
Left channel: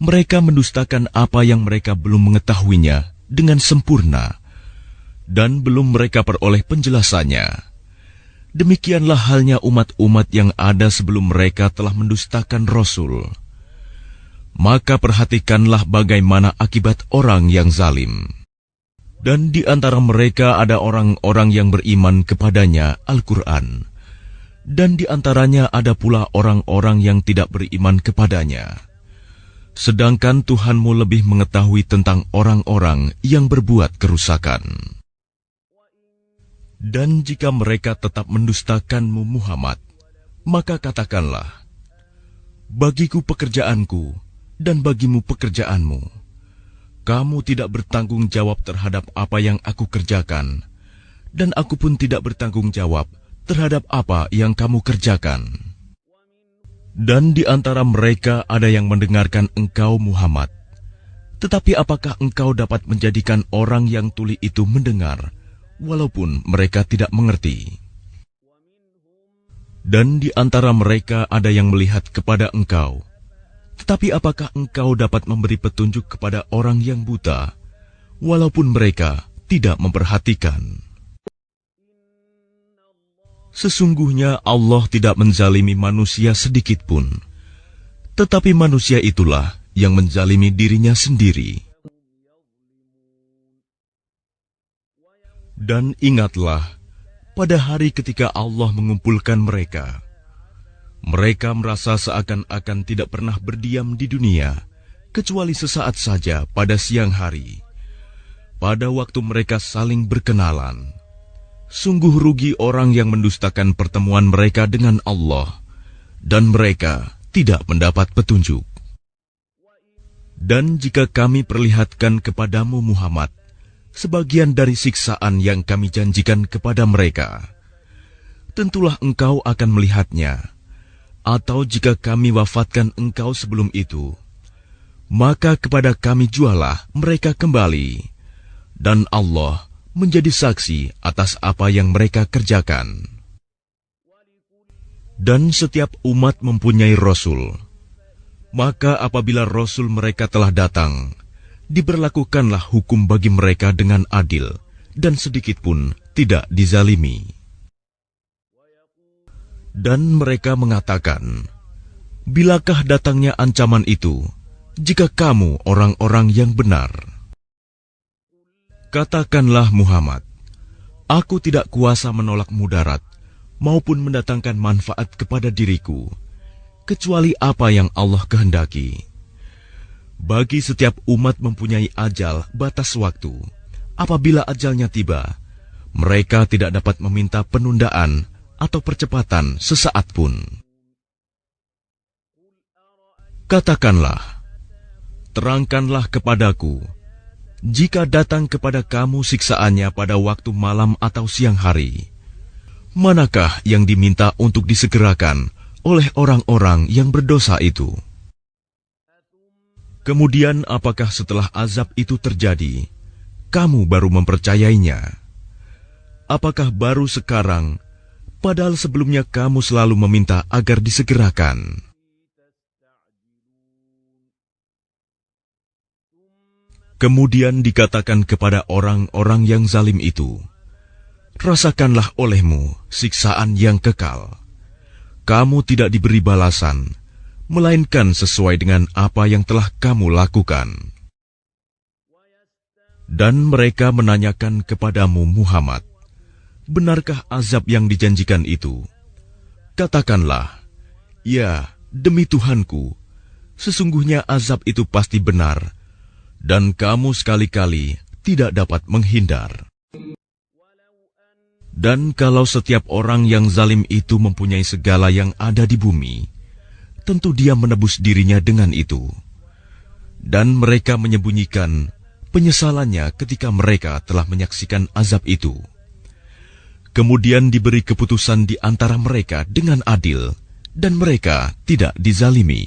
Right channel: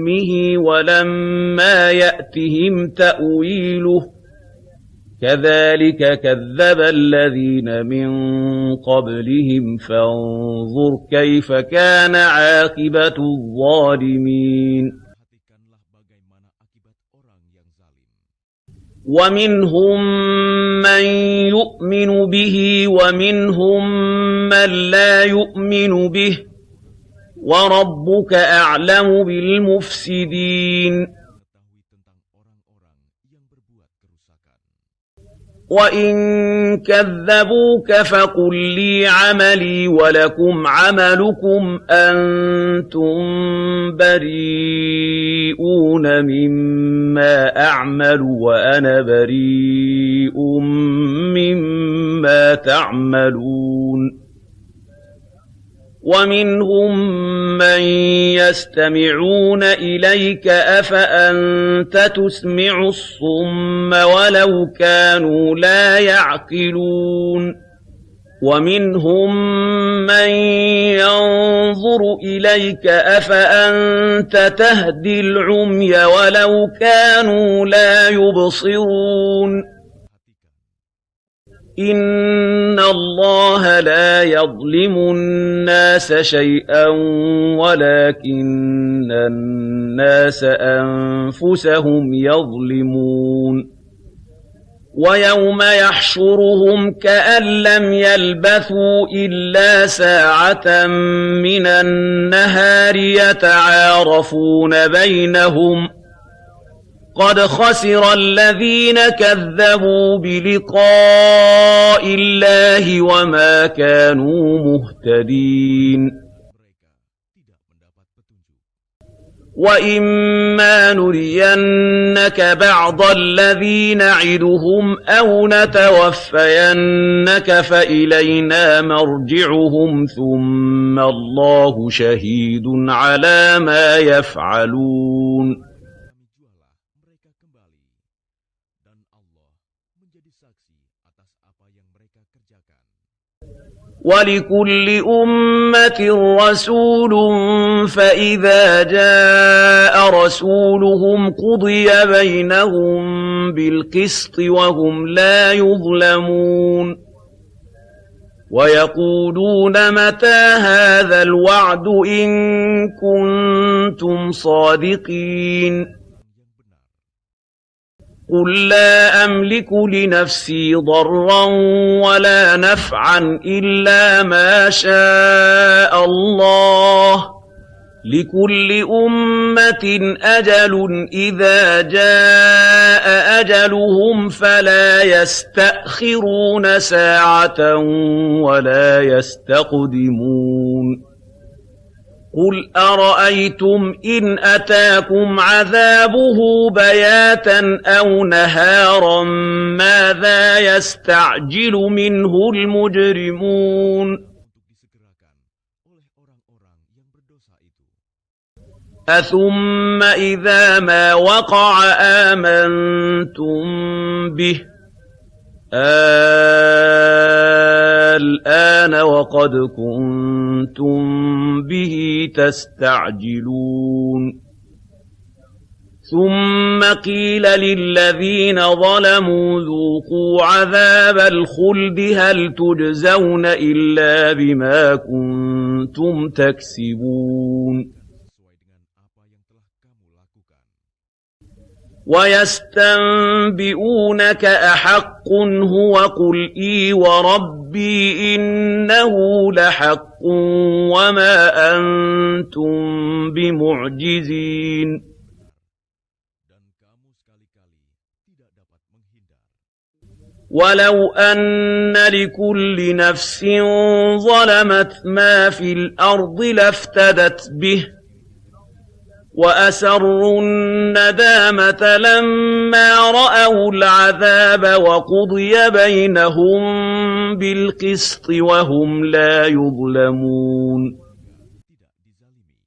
mereka mendustakan apa yang mereka belum mengetahuinya dengan sempurna, dan belum mereka peroleh penjelasannya. Demikianlah halnya umat-umat yang ada sebelum mereka telah mendustakan Rasul. Maka perhatikanlah bagaimana akibat orang yang zalim. Dan di antara mereka ada orang-orang yang beriman kepadanya, Al-Quran. Dan di antaranya ada pula orang-orang yang tidak beriman kepadanya. Sedangkan Tuhanmu lebih mengetahui tentang orang-orang yang berbuat kerusakan. Dan jika mereka tetap mendustakan Muhammad, maka katakanlah, bagiku pekerjaanku dan bagimu pekerjaanmu. Kamu tidak bertanggung jawab terhadap apa yang aku kerjakan, dan aku pun tidak bertanggung jawab terhadap apa yang kamu kerjakan. Dan di antara mereka ada yang mendengarkan engkau Muhammad. Tetapi apakah engkau dapat menjadikan orang yang itu mendengar, walaupun mereka tidak mengerti? Dan di antara mereka ada yang melihat kepada engkau. Tetapi apakah engkau dapat memberi petunjuk kepada orang yang buta, walaupun mereka tidak memperhatikan? Sesungguhnya Allah tidak menzalimi manusia sedikitpun, tetapi manusia itulah yang menzalimi dirinya sendiri. Dan ingatlah, pada hari ketika Allah mengumpulkan mereka merasa seakan-akan tidak pernah di dunia, kecuali sesaat saja pada siang hari, pada waktu mereka saling berkenalan. Sungguh rugi orang yang mendustakan pertemuan mereka dengan Allah, dan mereka tidak mendapat petunjuk. Dan jika kami perlihatkan kepada Muhammad sebagian dari siksaan yang kami janjikan kepada mereka, tentulah engkau akan melihatnya. Atau jika kami wafatkan engkau sebelum itu, maka kepada kami jualah mereka kembali. Dan Allah menjadi saksi atas apa yang mereka kerjakan. وَلِكُلِّ Dan setiap أُمَّةٍ umat mempunyai رَسُولٌ rasul. فَإِذَا Maka apabila rasul جَاءَ mereka telah datang, رَسُولُهُمْ قُضِيَ diberlakukanlah بَيْنَهُم hukum bagi mereka dengan بِالْقِسْطِ adil, وَهُمْ dan لَا sedikit pun tidak يُظْلَمُونَ dizalimi. وَيَقُولُونَ Dan مَتَى mereka هَذَا mengatakan, الْوَعْدُ إِن bilakah datangnya ancaman itu, كُنتُمْ jika kamu صَادِقِينَ orang-orang yang benar? قُل لَّا Katakanlah أَمْلِكُ Muhammad, لِنَفْسِي aku ضَرًّا tidak kuasa وَلَا menolak mudarat, نَفْعًا maupun إِلَّا mendatangkan مَا manfaat kepada diriku, شَاءَ اللَّهُ kecuali apa yang Allah لِكُلِّ kehendaki. أُمَّةٍ Bagi أَجَلٌ setiap umat إِذَا mempunyai ajal, batas جَاءَ waktu. أَجَلُهُمْ Apabila فَلَا ajalnya tiba, mereka يَسْتَأْخِرُونَ tidak dapat meminta سَاعَةً penundaan atau وَلَا percepatan sesaat pun. يَسْتَقْدِمُونَ قُلْ أَرَأَيْتُمْ Katakanlah, إِنْ أَتَاكُمْ terangkanlah عَذَابُهُ kepadaku, بَيَاتًا jika أَوْ datang kepada نَهَارًا kamu siksaannya pada مَاذَا waktu malam atau siang يَسْتَعْجِلُ hari, مِنْهُ manakah yang الْمُجْرِمُونَ diminta untuk disegerakan oleh orang-orang yang berdosa itu? أَثُمَّ Kemudian إِذَا apakah مَا setelah وَقَعَ azab itu terjadi, آمَنْتُمْ kamu baru بِهِ mempercayainya? Apakah baru sekarang, padahal الآن sebelumnya وقد kamu selalu meminta agar disegerakan? كنتم به تستعجلون ثم قيل Kemudian dikatakan للذين kepada orang-orang yang ظلموا zalim itu, ذوقوا عذاب الخلد rasakanlah هل olehmu تجزون siksaan yang إلا kekal. بما Kamu tidak diberi كنتم balasan, تكسبون melainkan sesuai dengan apa yang telah kamu lakukan. Dan mereka وَيَسْتَنْبِئُونَكَ menanyakan kepadamu, أَحَقٌّ Muhammad, هُوَ قُلْ إِي benarkah azab yang وَرَبِّي dijanjikan itu? إِنَّهُ لَحَقٌّ Katakanlah, وَمَا ya, demi أَنْتُمْ Tuhanku, sesungguhnya azab itu بِمُعْجِزِينَ pasti benar, dan kamu sekali-kali tidak dapat menghindar. وَلَوْ أَنَّ Dan kalau لِكُلِّ setiap orang yang نَفْسٍ zalim itu mempunyai ظَلَمَتْ segala yang مَا ada فِي di bumi, الْأَرْضِ tentu لَافْتَدَتْ dia بِهِ menebus dirinya dengan itu. وَأَسَرُّوا Dan mereka النَّدَامَةَ menyembunyikan لَمَّا penyesalannya ketika رَأَوُا mereka telah الْعَذَابَ menyaksikan azab وَقُضِيَ itu. بَيْنَهُم Kemudian diberi بِالْقِسْطِ keputusan di antara وَهُمْ mereka لَا dengan adil, يُظْلَمُونَ dan mereka tidak dizalimi.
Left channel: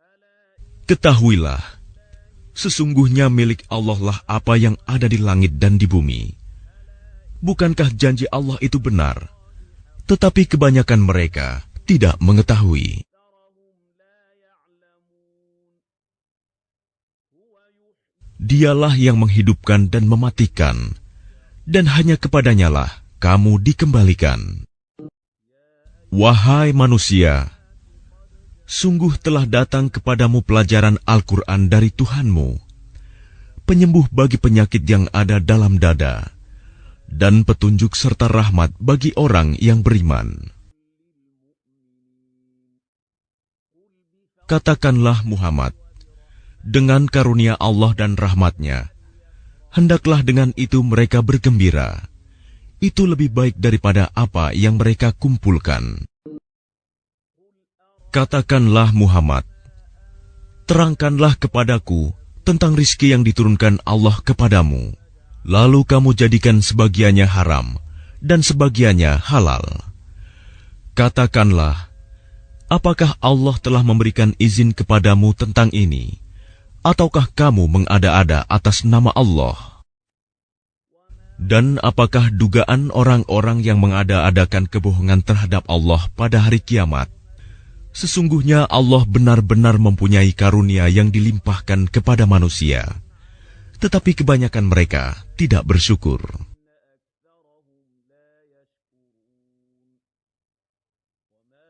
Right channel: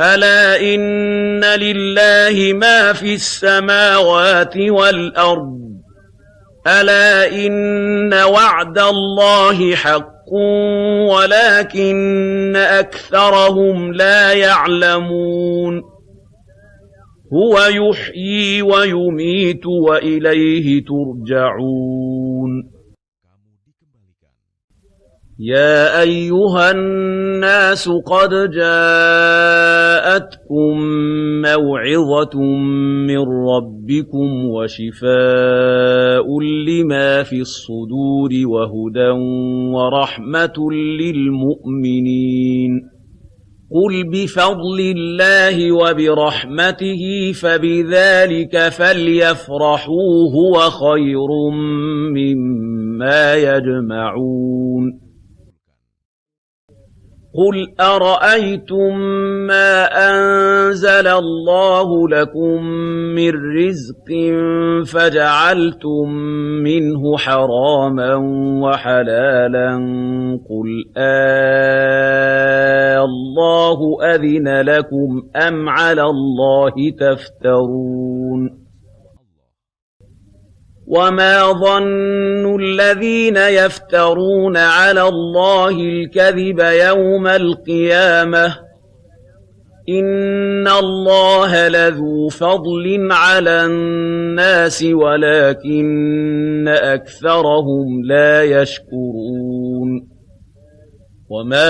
أَلَا إِنَّ Ketahuilah, لِلَّهِ مَا فِي sesungguhnya milik Allah السَّمَاوَاتِ apa yang ada di langit وَالْأَرْضِ dan di bumi. أَلَا Bukankah إِنَّ janji Allah وَعْدَ itu benar? اللَّهِ حَقٌّ Tetapi kebanyakan mereka وَلَكِنَّ tidak mengetahui. أَكْثَرَهُمْ لَا يَعْلَمُونَ هُوَ يُحْيِي Dialah yang وَيُمِيتُ menghidupkan dan mematikan, وَإِلَيْهِ تُرْجَعُونَ dan hanya kepadanya lah kamu dikembalikan. يَا Wahai أَيُّهَا manusia, النَّاسُ قَدْ sungguh telah datang kepadamu pelajaran جَاءَتْكُم Al-Quran dari مَوْعِظَةٌ Tuhanmu, مِّن penyembuh رَّبِّكُمْ bagi penyakit yang ada dalam dada, وَشِفَاءٌ لِّمَا dan فِي petunjuk serta الصُّدُورِ rahmat bagi وَهُدًى orang yang beriman. وَرَحْمَةٌ لِّلْمُؤْمِنِينَ قُلْ بِفَضْلِ Katakanlah, اللَّهِ Muhammad, وَبِرَحْمَتِهِ dengan karunia Allah dan فَبِذَلِكَ rahmatnya, فَلْيَفْرَحُوا hendaklah dengan هُوَ itu mereka خَيْرٌ bergembira. Itu مِّمَّا lebih baik daripada apa yang يَجْمَعُونَ mereka kumpulkan. قُلْ Katakanlah, أَرَأَيْتُم Muhammad, مَّا أَنزَلَ terangkanlah اللَّهُ kepadaku لَكُم tentang rizki yang مِّن diturunkan Allah رِزْقٍ kepadamu, lalu kamu فَجَعَلْتُم jadikan مِّنْهُ sebagiannya haram حَرَامًا dan sebagiannya halal. وَحَلَالًا قُلْ Katakanlah, apakah Allah telah memberikan izin kepadamu tentang ini, ataukah kamu mengada-ada atas nama Allah? Dan apakah dugaan orang-orang yang mengada-adakan kebohongan terhadap Allah pada hari kiamat? Sesungguhnya Allah benar-benar mempunyai karunia yang dilimpahkan kepada manusia, tetapi kebanyakan mereka tidak bersyukur. Dan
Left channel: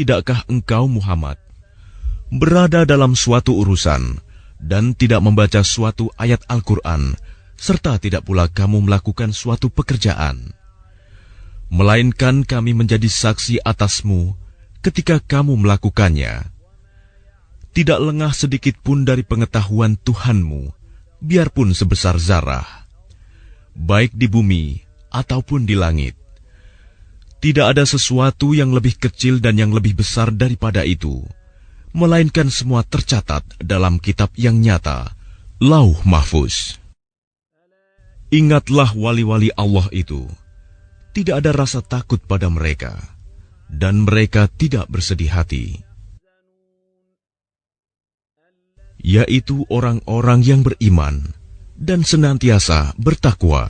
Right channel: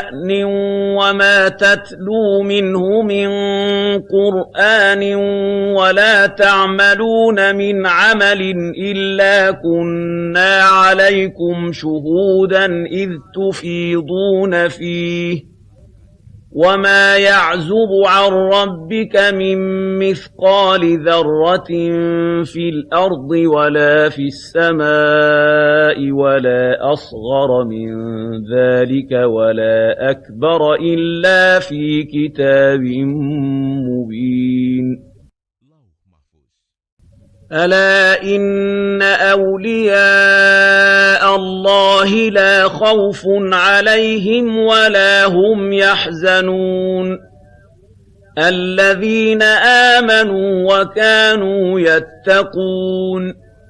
tidakkah engkau, Muhammad, berada dalam suatu urusan dan tidak membaca suatu ayat Al-Quran, serta tidak pula kamu melakukan suatu pekerjaan, melainkan kami menjadi saksi atasmu ketika kamu melakukannya. Tidaklah sedikit pun dari pengetahuan Tuhanmu, biarpun sebesar zarah, baik di bumi ataupun di langit. Tidak ada sesuatu yang lebih kecil dan yang lebih besar daripada itu, melainkan semua tercatat dalam kitab yang nyata, Lauh Mahfuz. Ingatlah wali-wali Allah itu, tidak ada rasa takut pada mereka, dan mereka tidak bersedih hati, yaitu orang-orang yang beriman dan senantiasa bertakwa.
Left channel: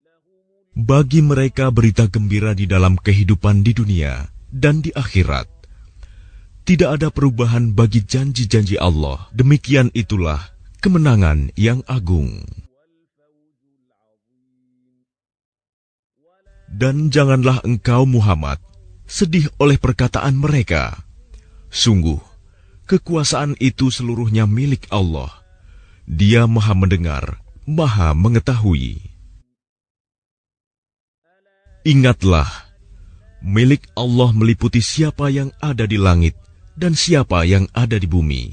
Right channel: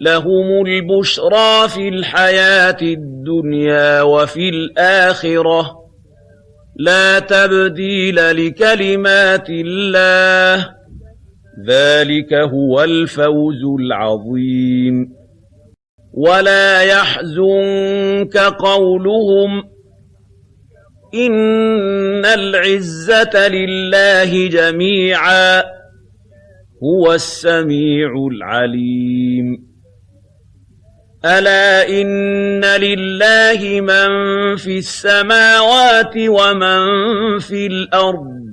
لهم Bagi البشرى mereka في berita gembira di الحياة dalam kehidupan di الدنيا dunia وفي dan di akhirat. الآخرة Tidak ada لا perubahan bagi تبديل janji-janji Allah. لكلمات Demikian itulah الله kemenangan yang ذلك agung. هو الفوز العظيم ولا Dan janganlah engkau يحزنك Muhammad sedih قولهم oleh perkataan mereka. إن Sungguh, العزة kekuasaan itu لله seluruhnya milik جميعا Dia Maha هو mendengar, السميع Maha mengetahui. العليم ألا Ingatlah, إن لله milik Allah من meliputi في siapa yang ada di السماوات langit ومن dan siapa في yang ada di الأرض bumi.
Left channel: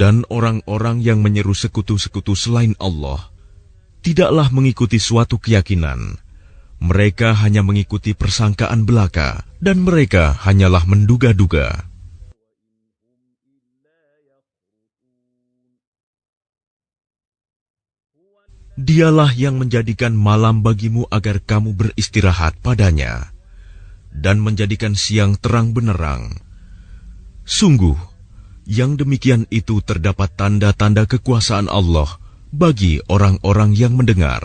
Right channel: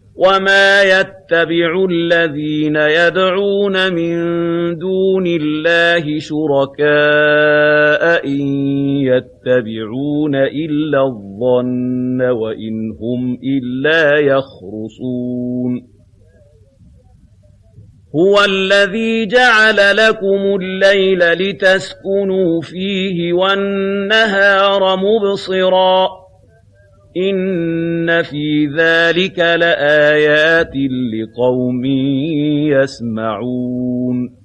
Dan وما orang-orang yang menyeru يتبع sekutu-sekutu selain الذين Allah يدعون من tidaklah mengikuti دون suatu keyakinan. الله شركاء Mereka hanya mengikuti persangkaan belaka, dan mereka يتبعون hanyalah إلا menduga-duga. الظن وإن هم إلا يخرصون هو الذي Dialah yang جعل menjadikan لكم malam bagimu الليل agar kamu beristirahat لتسكنوا padanya, فيه dan والنهار menjadikan siang terang مبصرا benderang. إن Sungguh, في yang ذلك demikian itu terdapat لآيات tanda-tanda kekuasaan Allah لقوم bagi orang-orang yang يسمعون mendengar.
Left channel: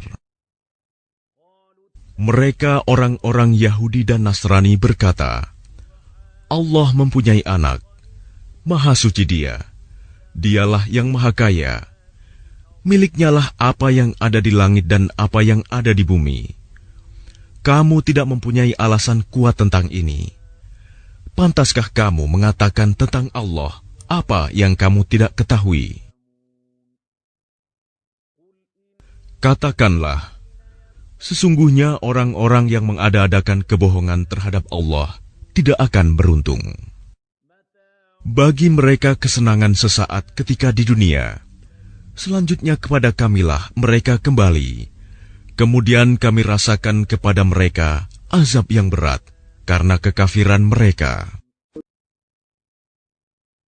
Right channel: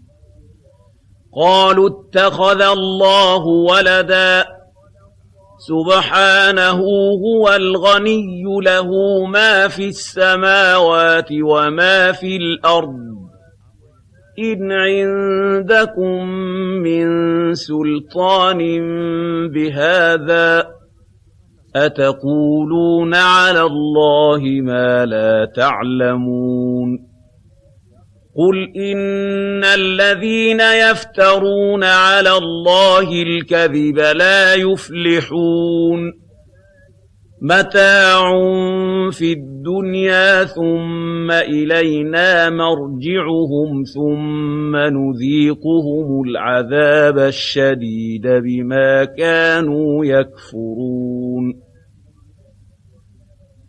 قالوا اتخذ Mereka الله orang-orang Yahudi dan ولدا Nasrani berkata, سبحانه Allah mempunyai هو anak. الغني له Maha suci Dia. ما في Dialah yang السماوات maha kaya. وما في الأرض miliknya lah apa yang ada di langit dan apa yang ada di bumi. Kamu tidak mempunyai alasan kuat tentang ini. Pantaskah kamu mengatakan tentang Allah apa yang kamu tidak ketahui? Katakanlah, sesungguhnya orang-orang yang mengada-adakan kebohongan terhadap Allah tidak akan beruntung. Bagi mereka kesenangan sesaat ketika di dunia, selanjutnya kepada kamilah mereka kembali. Kemudian kami rasakan kepada mereka azab yang berat karena kekafiran mereka.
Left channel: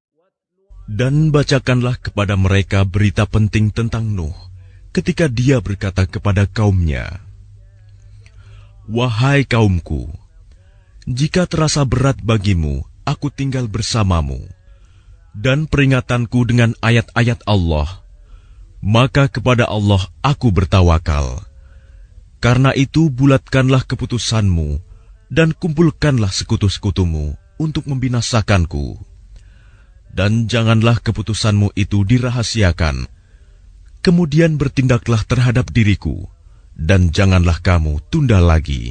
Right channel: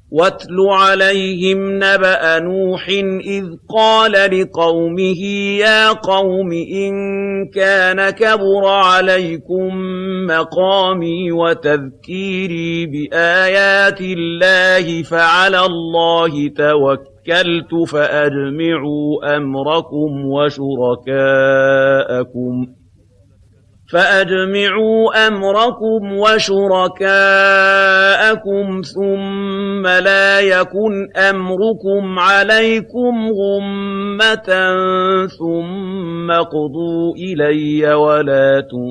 Dan bacakanlah kepada mereka berita penting tentangmu ketika dia berkata kepada kaumnya, "Wahai kaumku, jika terasa berat bagimu, aku tinggal bersamamu, dan peringatanku dengan ayat-ayat Allah, maka kepada Allah aku bertawakal. Karena itu bulatkanlah keputusanmu, dan kumpulkanlah sekutu-sekutumu untuk membinasakanku. Dan janganlah keputusanmu itu dirahasiakan. Kemudian bertindaklah terhadap diriku, dan janganlah kamu tunda lagi.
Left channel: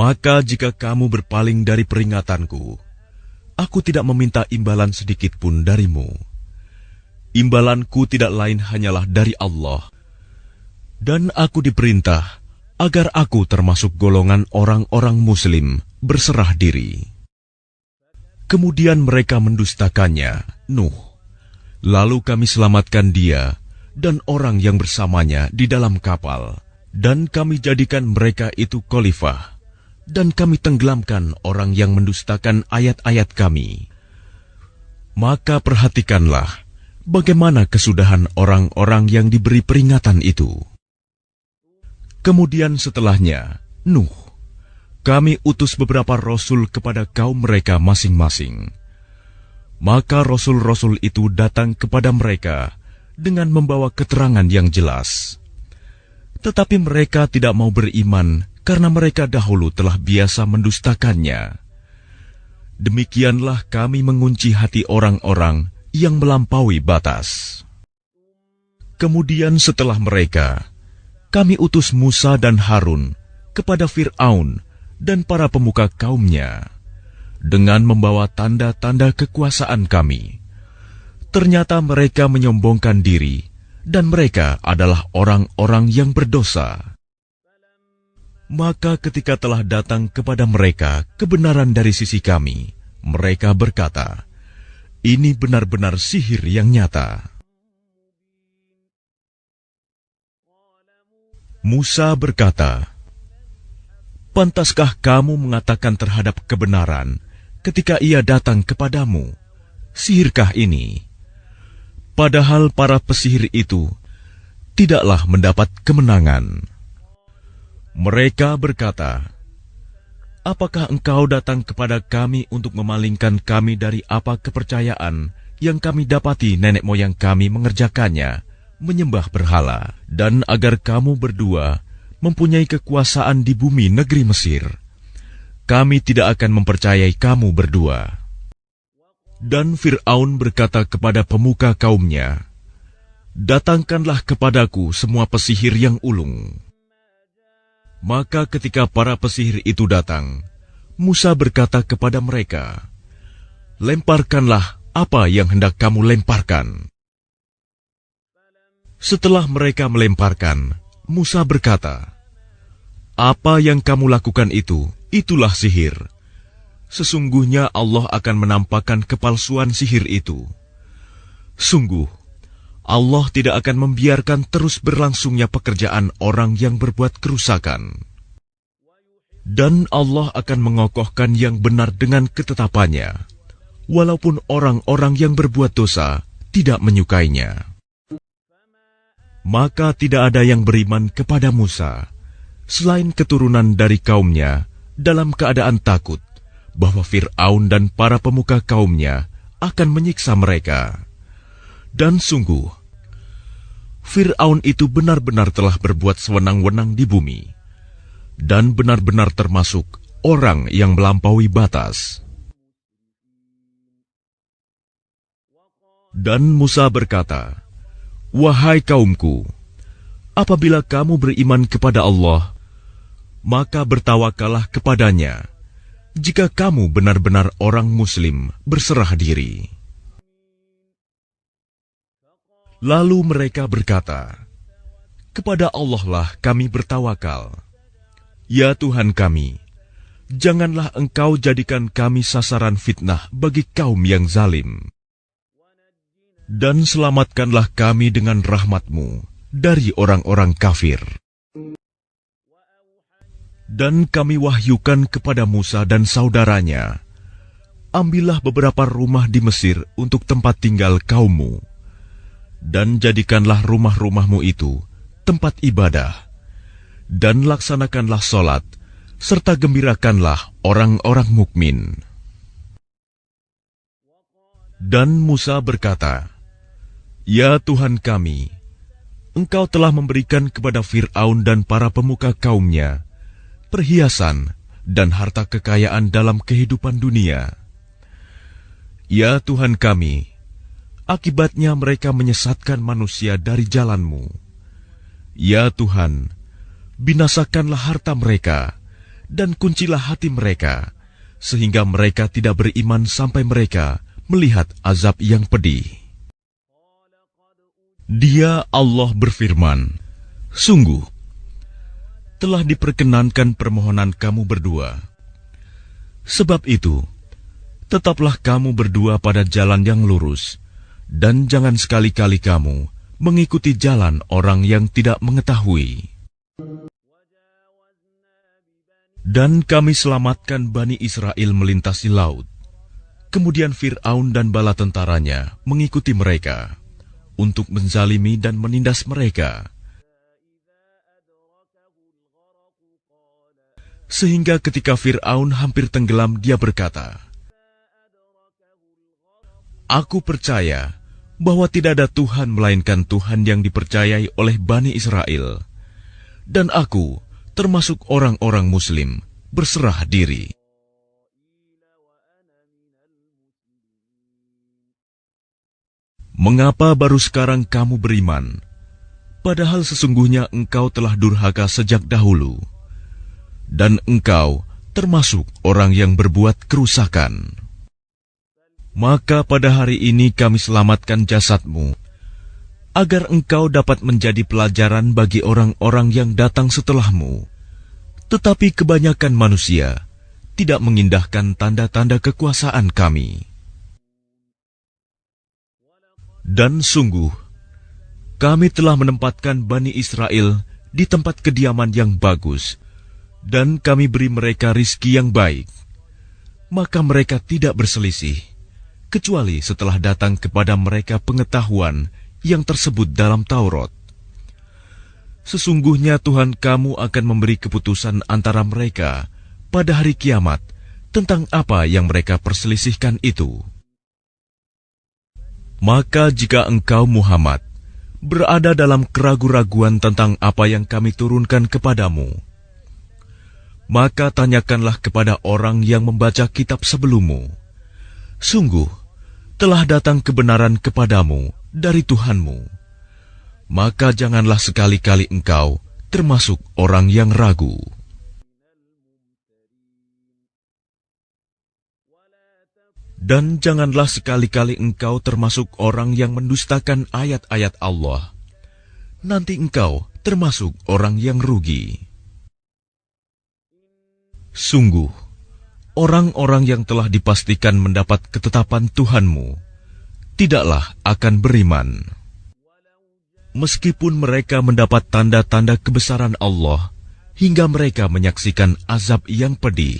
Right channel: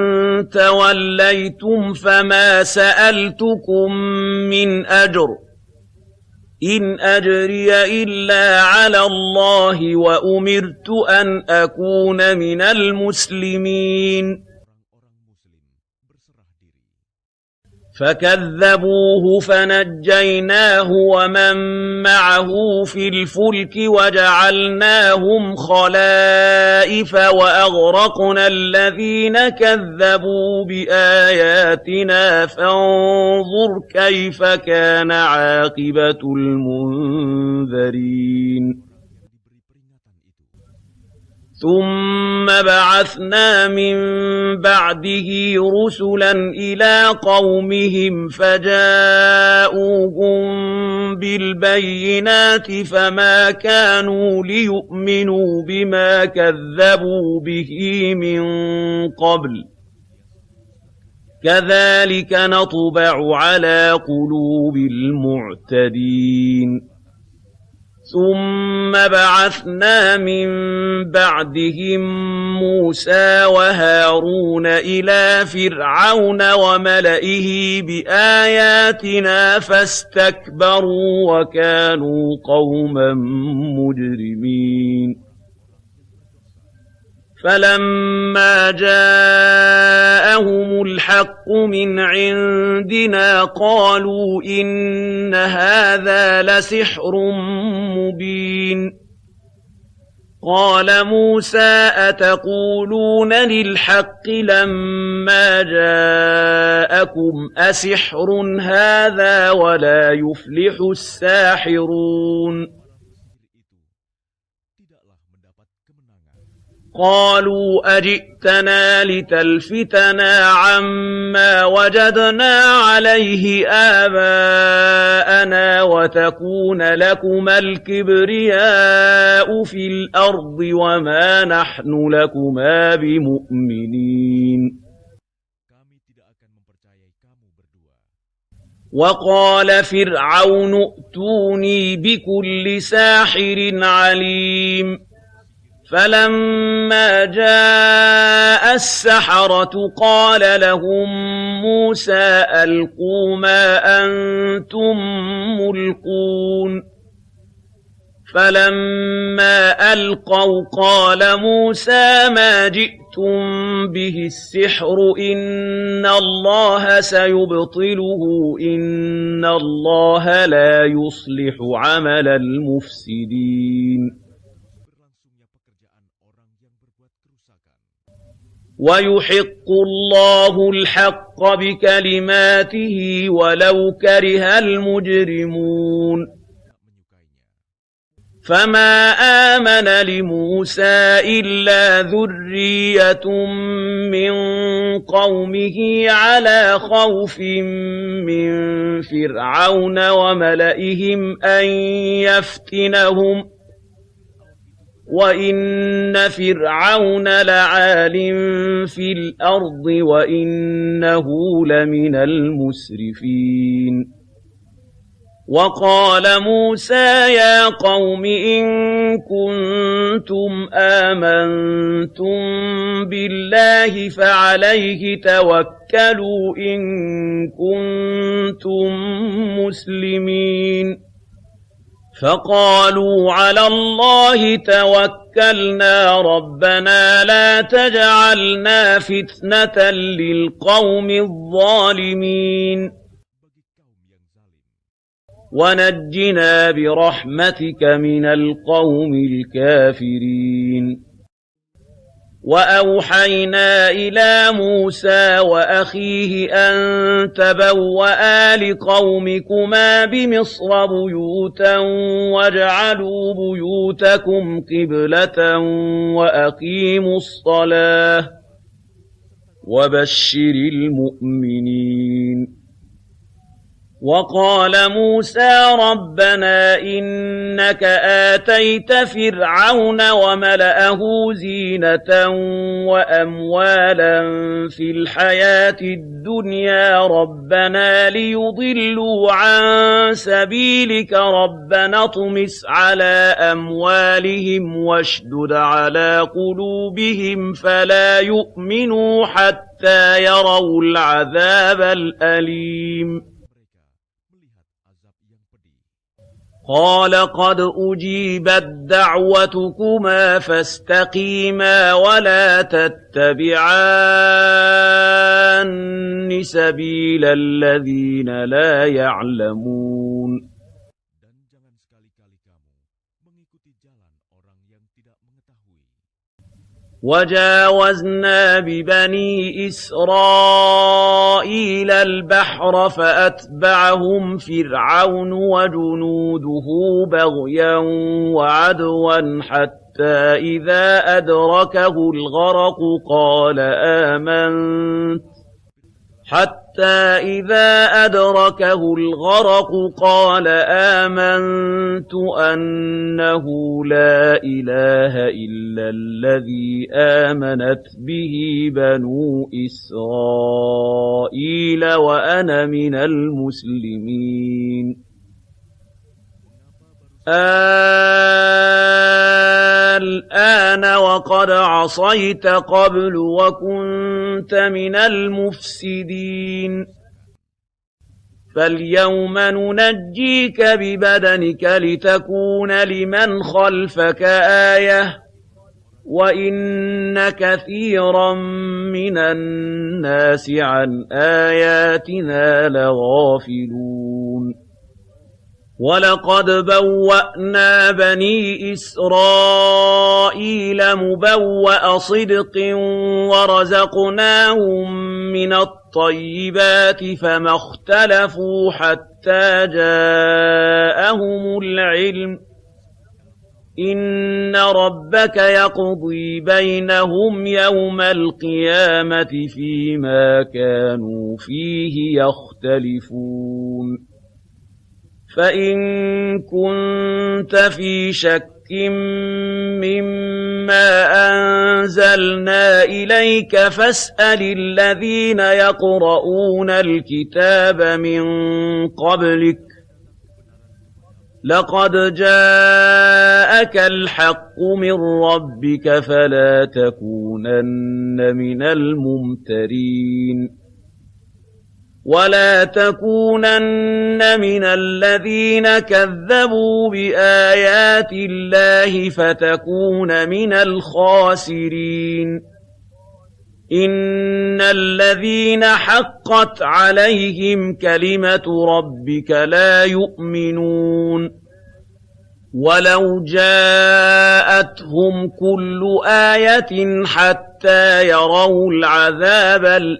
Maka jika kamu berpaling dari peringatanku, aku tidak meminta imbalan sedikit pun darimu. Imbalanku tidak lain hanyalah dari Allah, dan aku diperintah agar aku termasuk golongan orang-orang Muslim berserah diri. Kemudian mereka mendustakannya. Lalu kami selamatkan dia dan orang yang bersamanya di dalam kapal, dan kami jadikan mereka itu khalifah, dan kami tenggelamkan orang yang mendustakan ayat-ayat kami. Maka perhatikanlah bagaimana kesudahan orang-orang yang diberi peringatan itu. Kemudian setelahnya, Nuh, kami utus beberapa rasul kepada kaum mereka masing-masing. Maka rasul-rasul itu datang kepada mereka dengan membawa keterangan yang jelas. Tetapi mereka tidak mau beriman karena mereka dahulu telah biasa mendustakannya. Demikianlah kami mengunci hati orang-orang yang melampaui batas. Kemudian setelah mereka, kami utus Musa dan Harun kepada Fir'aun dan para pemuka kaumnya dengan membawa tanda-tanda kekuasaan kami. Ternyata mereka menyombongkan diri, dan mereka adalah orang-orang yang berdosa. Maka ketika telah datang kepada mereka kebenaran dari sisi kami, mereka berkata, "Ini benar-benar sihir yang nyata." Musa berkata, "Pantaskah kamu mengatakan terhadap kebenaran ketika ia datang kepadamu? Sihirkah ini?" Padahal para pesihir itu tidaklah mendapat kemenangan. Mereka berkata, "Apakah engkau datang kepada kami untuk memalingkan kami dan apa kepercayaan yang kami dapati nenek moyang kami mengerjakannya, menyembah berhala, dan agar kamu berdua mempunyai kekuasaan di bumi negeri Mesir. Kami tidak akan mempercayai kamu berdua. Dan Fir'aun berkata kepada pemuka kaumnya, datangkanlah kepadaku semua pesihir yang ulung. Maka ketika para pesihir itu datang, Musa berkata kepada mereka, lemparkanlah apa yang hendak kamu lemparkan. Setelah mereka melemparkan, Musa berkata, apa yang kamu lakukan itulah sihir. Sesungguhnya Allah akan menampakkan kepalsuan sihir itu. Sungguh, Allah tidak akan membiarkan terus berlangsungnya pekerjaan orang yang berbuat kerusakan. Dan Allah akan mengokohkan yang benar dengan ketetapannya, walaupun orang-orang yang berbuat dosa tidak menyukainya. Maka tidak ada yang beriman kepada Musa selain keturunan dari kaumnya, dalam keadaan takut bahwa Fir'aun dan para pemuka kaumnya akan menyiksa mereka. Dan sungguh, Fir'aun itu benar-benar telah berbuat sewenang-wenang di bumi dan benar-benar termasuk orang yang melampaui batas. Dan Musa berkata, wahai kaumku, apabila kamu beriman kepada Allah, maka bertawakallah kepadanya. Jika kamu benar-benar orang Muslim, berserah diri. Lalu mereka berkata, kepada Allah kami bertawakal. Ya Tuhan kami, janganlah Engkau jadikan kami sasaran fitnah bagi kaum yang zalim. Dan selamatkanlah kami dengan rahmat-Mu dari orang-orang kafir. Dan kami wahyukan kepada Musa dan saudaranya, ambillah beberapa rumah di Mesir untuk tempat tinggal kaummu, dan jadikanlah rumah-rumahmu itu tempat ibadah, dan laksanakanlah sholat, serta gembirakanlah orang-orang mukmin. Dan Musa berkata, ya Tuhan kami, Engkau telah memberikan kepada Fir'aun dan para pemuka kaumnya perhiasan dan harta kekayaan dalam kehidupan dunia. Ya Tuhan kami, akibatnya mereka menyesatkan manusia dari jalan-Mu. Ya Tuhan, binasakanlah harta mereka dan kuncilah hati mereka, sehingga mereka tidak beriman sampai mereka melihat azab yang pedih. Dia Allah berfirman, sungguh telah diperkenankan permohonan kamu berdua. Sebab itu, tetaplah kamu berdua pada jalan yang lurus, dan jangan sekali-kali kamu mengikuti jalan orang yang tidak mengetahui. Dan kami selamatkan Bani Israel melintasi laut. Kemudian Fir'aun dan bala tentaranya mengikuti mereka untuk menzalimi dan menindas mereka. Sehingga ketika Fir'aun hampir tenggelam, dia berkata, aku percaya bahwa tidak ada Tuhan melainkan Tuhan yang dipercayai oleh Bani Israel, dan aku termasuk orang-orang Muslim, berserah diri. Mengapa baru sekarang kamu beriman? Padahal sesungguhnya engkau telah durhaka sejak dahulu, dan engkau termasuk orang yang berbuat kerusakan. Maka pada hari ini kami selamatkan jasadmu, agar engkau dapat menjadi pelajaran bagi orang-orang yang datang setelahmu. Tetapi kebanyakan manusia tidak mengindahkan tanda-tanda kekuasaan kami. Dan sungguh, kami telah menempatkan Bani Israel di tempat kediaman yang bagus, dan kami beri mereka rizki yang baik. Maka mereka tidak berselisih, kecuali setelah datang kepada mereka pengetahuan yang tersebut dalam Taurat. Sesungguhnya Tuhan kamu akan memberi keputusan antara mereka pada hari kiamat tentang apa yang mereka perselisihkan itu. Maka jika engkau Muhammad berada dalam keraguan-raguan tentang apa yang kami turunkan kepadamu, maka tanyakanlah kepada orang yang membaca kitab sebelummu. Sungguh, telah datang kebenaran kepadamu dari Tuhan. Maka janganlah sekali-kali engkau termasuk orang yang ragu. Dan janganlah sekali-kali engkau termasuk orang yang mendustakan ayat-ayat Allah. Nanti engkau termasuk orang yang rugi. Sungguh, orang-orang yang telah dipastikan mendapat ketetapan Tuhanmu tidaklah akan beriman. Meskipun mereka mendapat tanda-tanda kebesaran Allah hingga mereka menyaksikan azab yang pedih.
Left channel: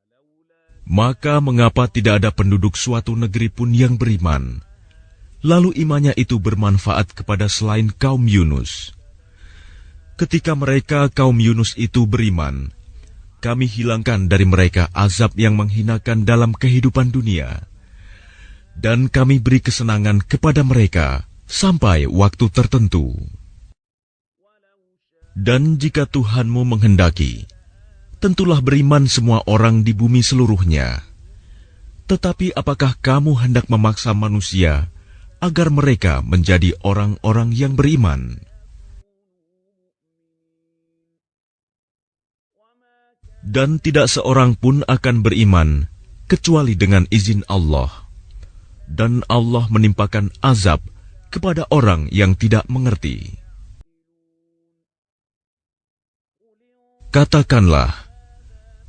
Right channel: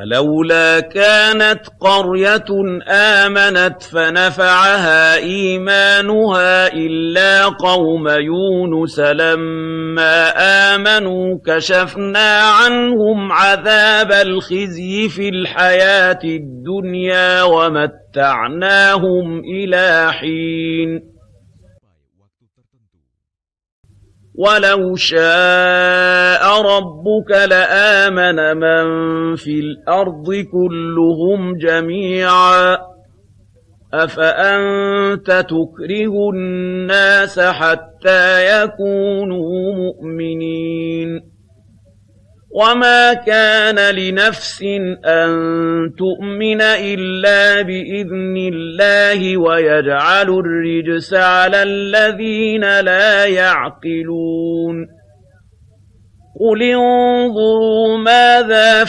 Maka mengapa tidak ada penduduk suatu negeri pun yang beriman, lalu imannya itu bermanfaat kepada selain kaum Yunus? Ketika mereka kaum Yunus itu beriman, kami hilangkan dari mereka azab yang menghinakan dalam kehidupan dunia, dan kami beri kesenangan kepada mereka sampai waktu tertentu. Dan jika Tuhanmu menghendaki, tentulah beriman semua orang di bumi seluruhnya. Tetapi apakah kamu hendak memaksa manusia agar mereka menjadi orang-orang yang beriman? Dan tidak seorang pun akan beriman kecuali dengan izin Allah. Dan Allah menimpakan azab kepada orang yang tidak mengerti. Katakanlah,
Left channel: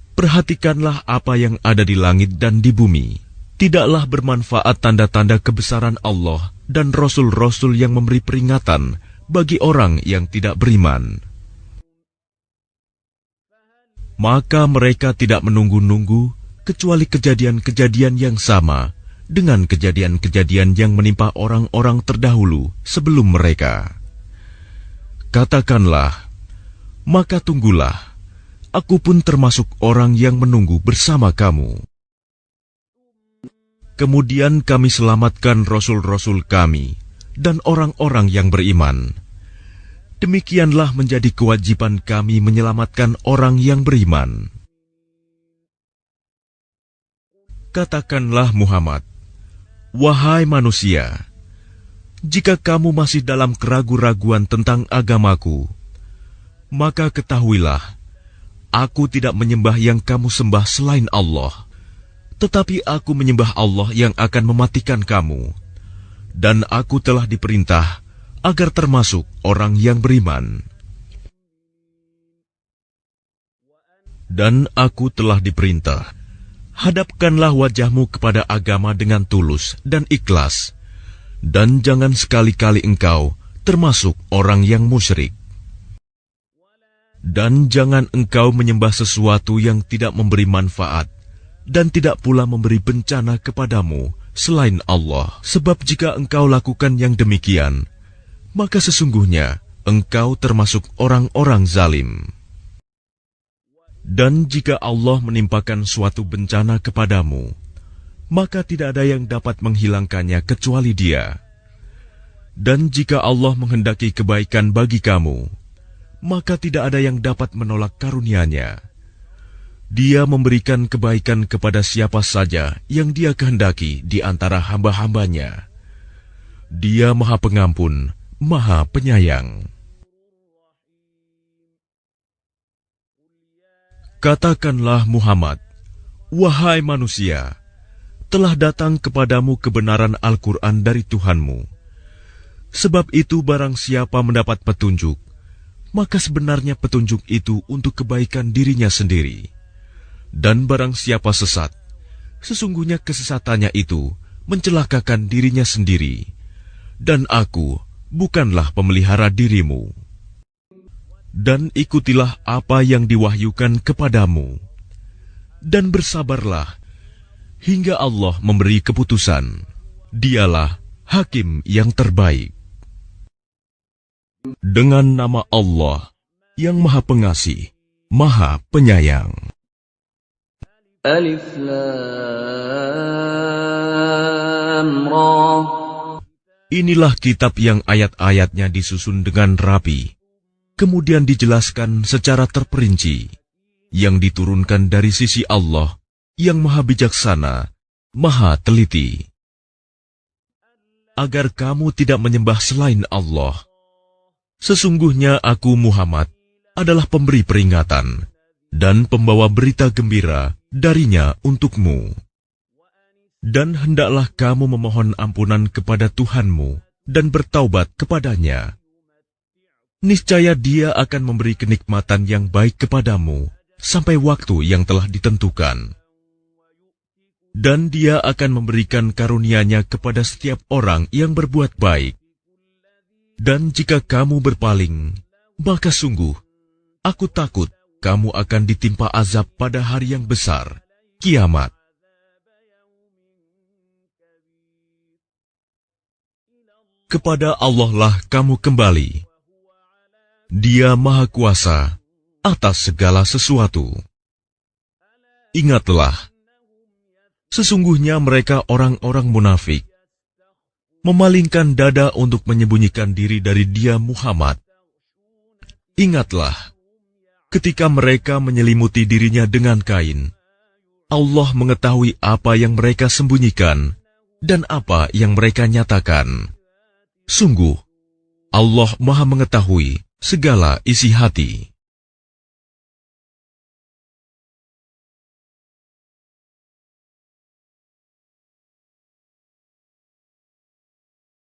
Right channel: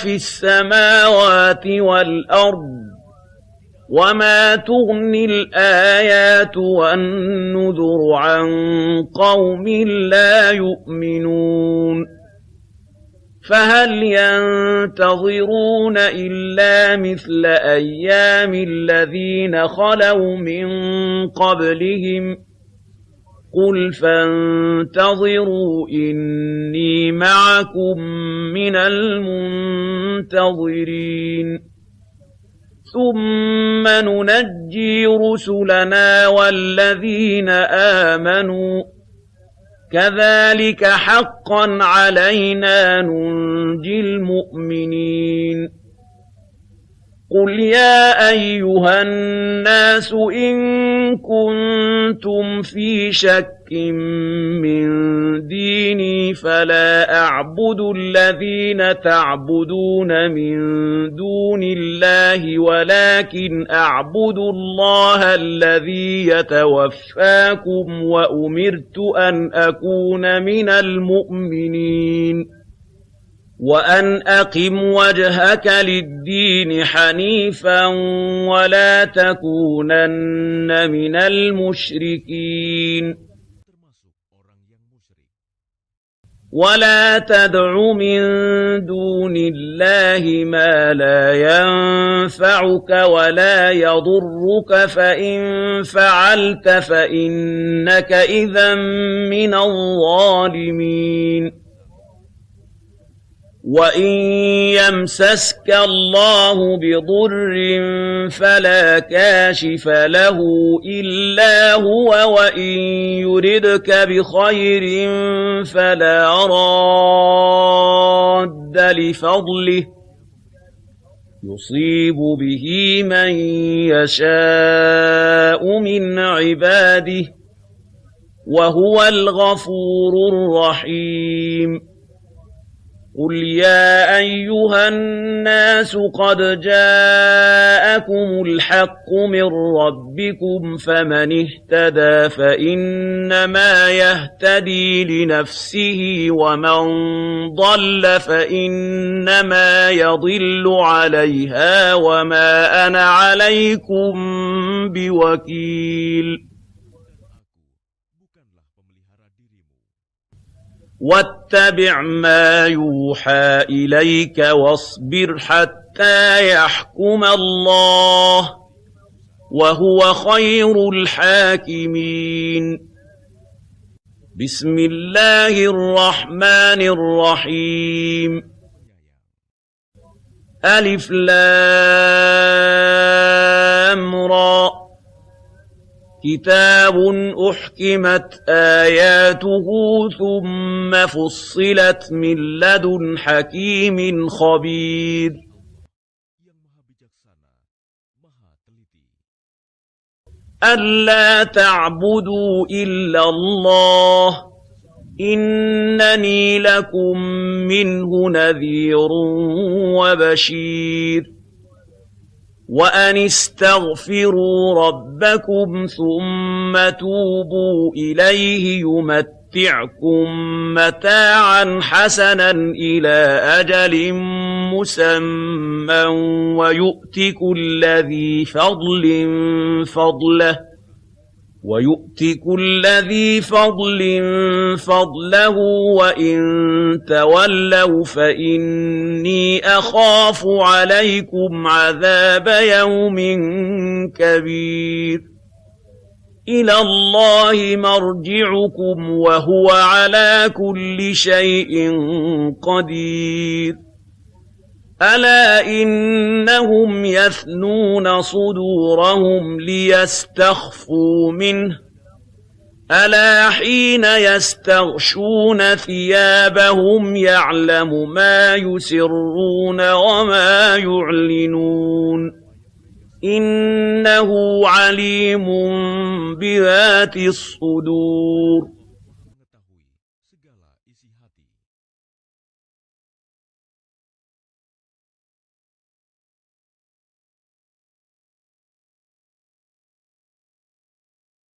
perhatikanlah apa yang ada di langit dan di bumi. Tidaklah bermanfaat tanda-tanda kebesaran Allah dan rasul-rasul yang memberi peringatan bagi orang yang tidak beriman. Maka mereka tidak menunggu-nunggu kecuali kejadian-kejadian yang sama dengan kejadian-kejadian yang menimpa orang-orang terdahulu sebelum mereka. Katakanlah, maka tunggulah, aku pun termasuk orang yang menunggu bersama kamu. Kemudian kami selamatkan rasul-rasul kami dan orang-orang yang beriman. Demikianlah menjadi kewajiban kami menyelamatkan orang yang beriman. Katakanlah Muhammad, wahai manusia, jika kamu masih dalam keraguan-raguan tentang agamaku, maka ketahuilah, aku tidak menyembah yang kamu sembah selain Allah, tetapi aku menyembah Allah yang akan mematikan kamu. Dan aku telah diperintah agar termasuk orang yang beriman. Dan aku telah diperintah, hadapkanlah wajahmu kepada agama dengan tulus dan ikhlas, dan jangan sekali-kali engkau termasuk orang yang musyrik. Dan jangan engkau menyembah sesuatu yang tidak memberi manfaat dan tidak pula memberi bencana kepadamu selain Allah. Sebab jika engkau lakukan yang demikian, maka sesungguhnya engkau termasuk orang-orang zalim. Dan jika Allah menimpakan suatu bencana kepadamu, maka tidak ada yang dapat menghilangkannya kecuali Dia. Dan jika Allah menghendaki kebaikan bagi kamu, maka tidak ada yang dapat menolak karunia-Nya. Dia memberikan kebaikan kepada siapa saja yang Dia kehendaki di antara hamba-hambanya. Dia Maha Pengampun, Maha Penyayang. Katakanlah Muhammad, wahai manusia, telah datang kepadamu kebenaran Al-Quran dari Tuhanmu. Sebab itu barang siapa mendapat petunjuk, maka sebenarnya petunjuk itu untuk kebaikan dirinya sendiri. Dan barang siapa sesat, sesungguhnya kesesatannya itu mencelakakan dirinya sendiri. Dan aku bukanlah pemelihara dirimu. Dan ikutilah apa yang diwahyukan kepadamu, dan bersabarlah hingga Allah memberi keputusan. Dialah hakim yang terbaik. Dengan nama Allah yang Maha Pengasih, Maha Penyayang. Alif Lam Inilah kitab yang ayat-ayatnya disusun dengan rapi, kemudian dijelaskan secara terperinci, yang diturunkan dari sisi Allah, yang Maha Bijaksana, Maha Teliti. Agar kamu tidak menyembah selain Allah. Sesungguhnya aku Muhammad adalah pemberi peringatan dan pembawa berita gembira darinya untukmu. Dan hendaklah kamu memohon ampunan kepada Tuhanmu dan bertaubat kepadanya. Niscaya Dia akan memberi kenikmatan yang baik kepadamu sampai waktu yang telah ditentukan. Dan Dia akan memberikan karunia-Nya kepada setiap orang yang berbuat baik. Dan jika kamu berpaling, maka sungguh aku takut kamu akan ditimpa azab pada hari yang besar, kiamat. Kepada Allah lah kamu kembali. Dia Maha Kuasa atas segala sesuatu. Ingatlah, sesungguhnya mereka orang-orang munafik memalingkan dada untuk menyembunyikan diri dari Dia Muhammad. Ingatlah, ketika mereka menyelimuti dirinya dengan kain, Allah mengetahui apa yang mereka sembunyikan dan apa yang mereka nyatakan. Sungguh, Allah Maha mengetahui segala isi hati.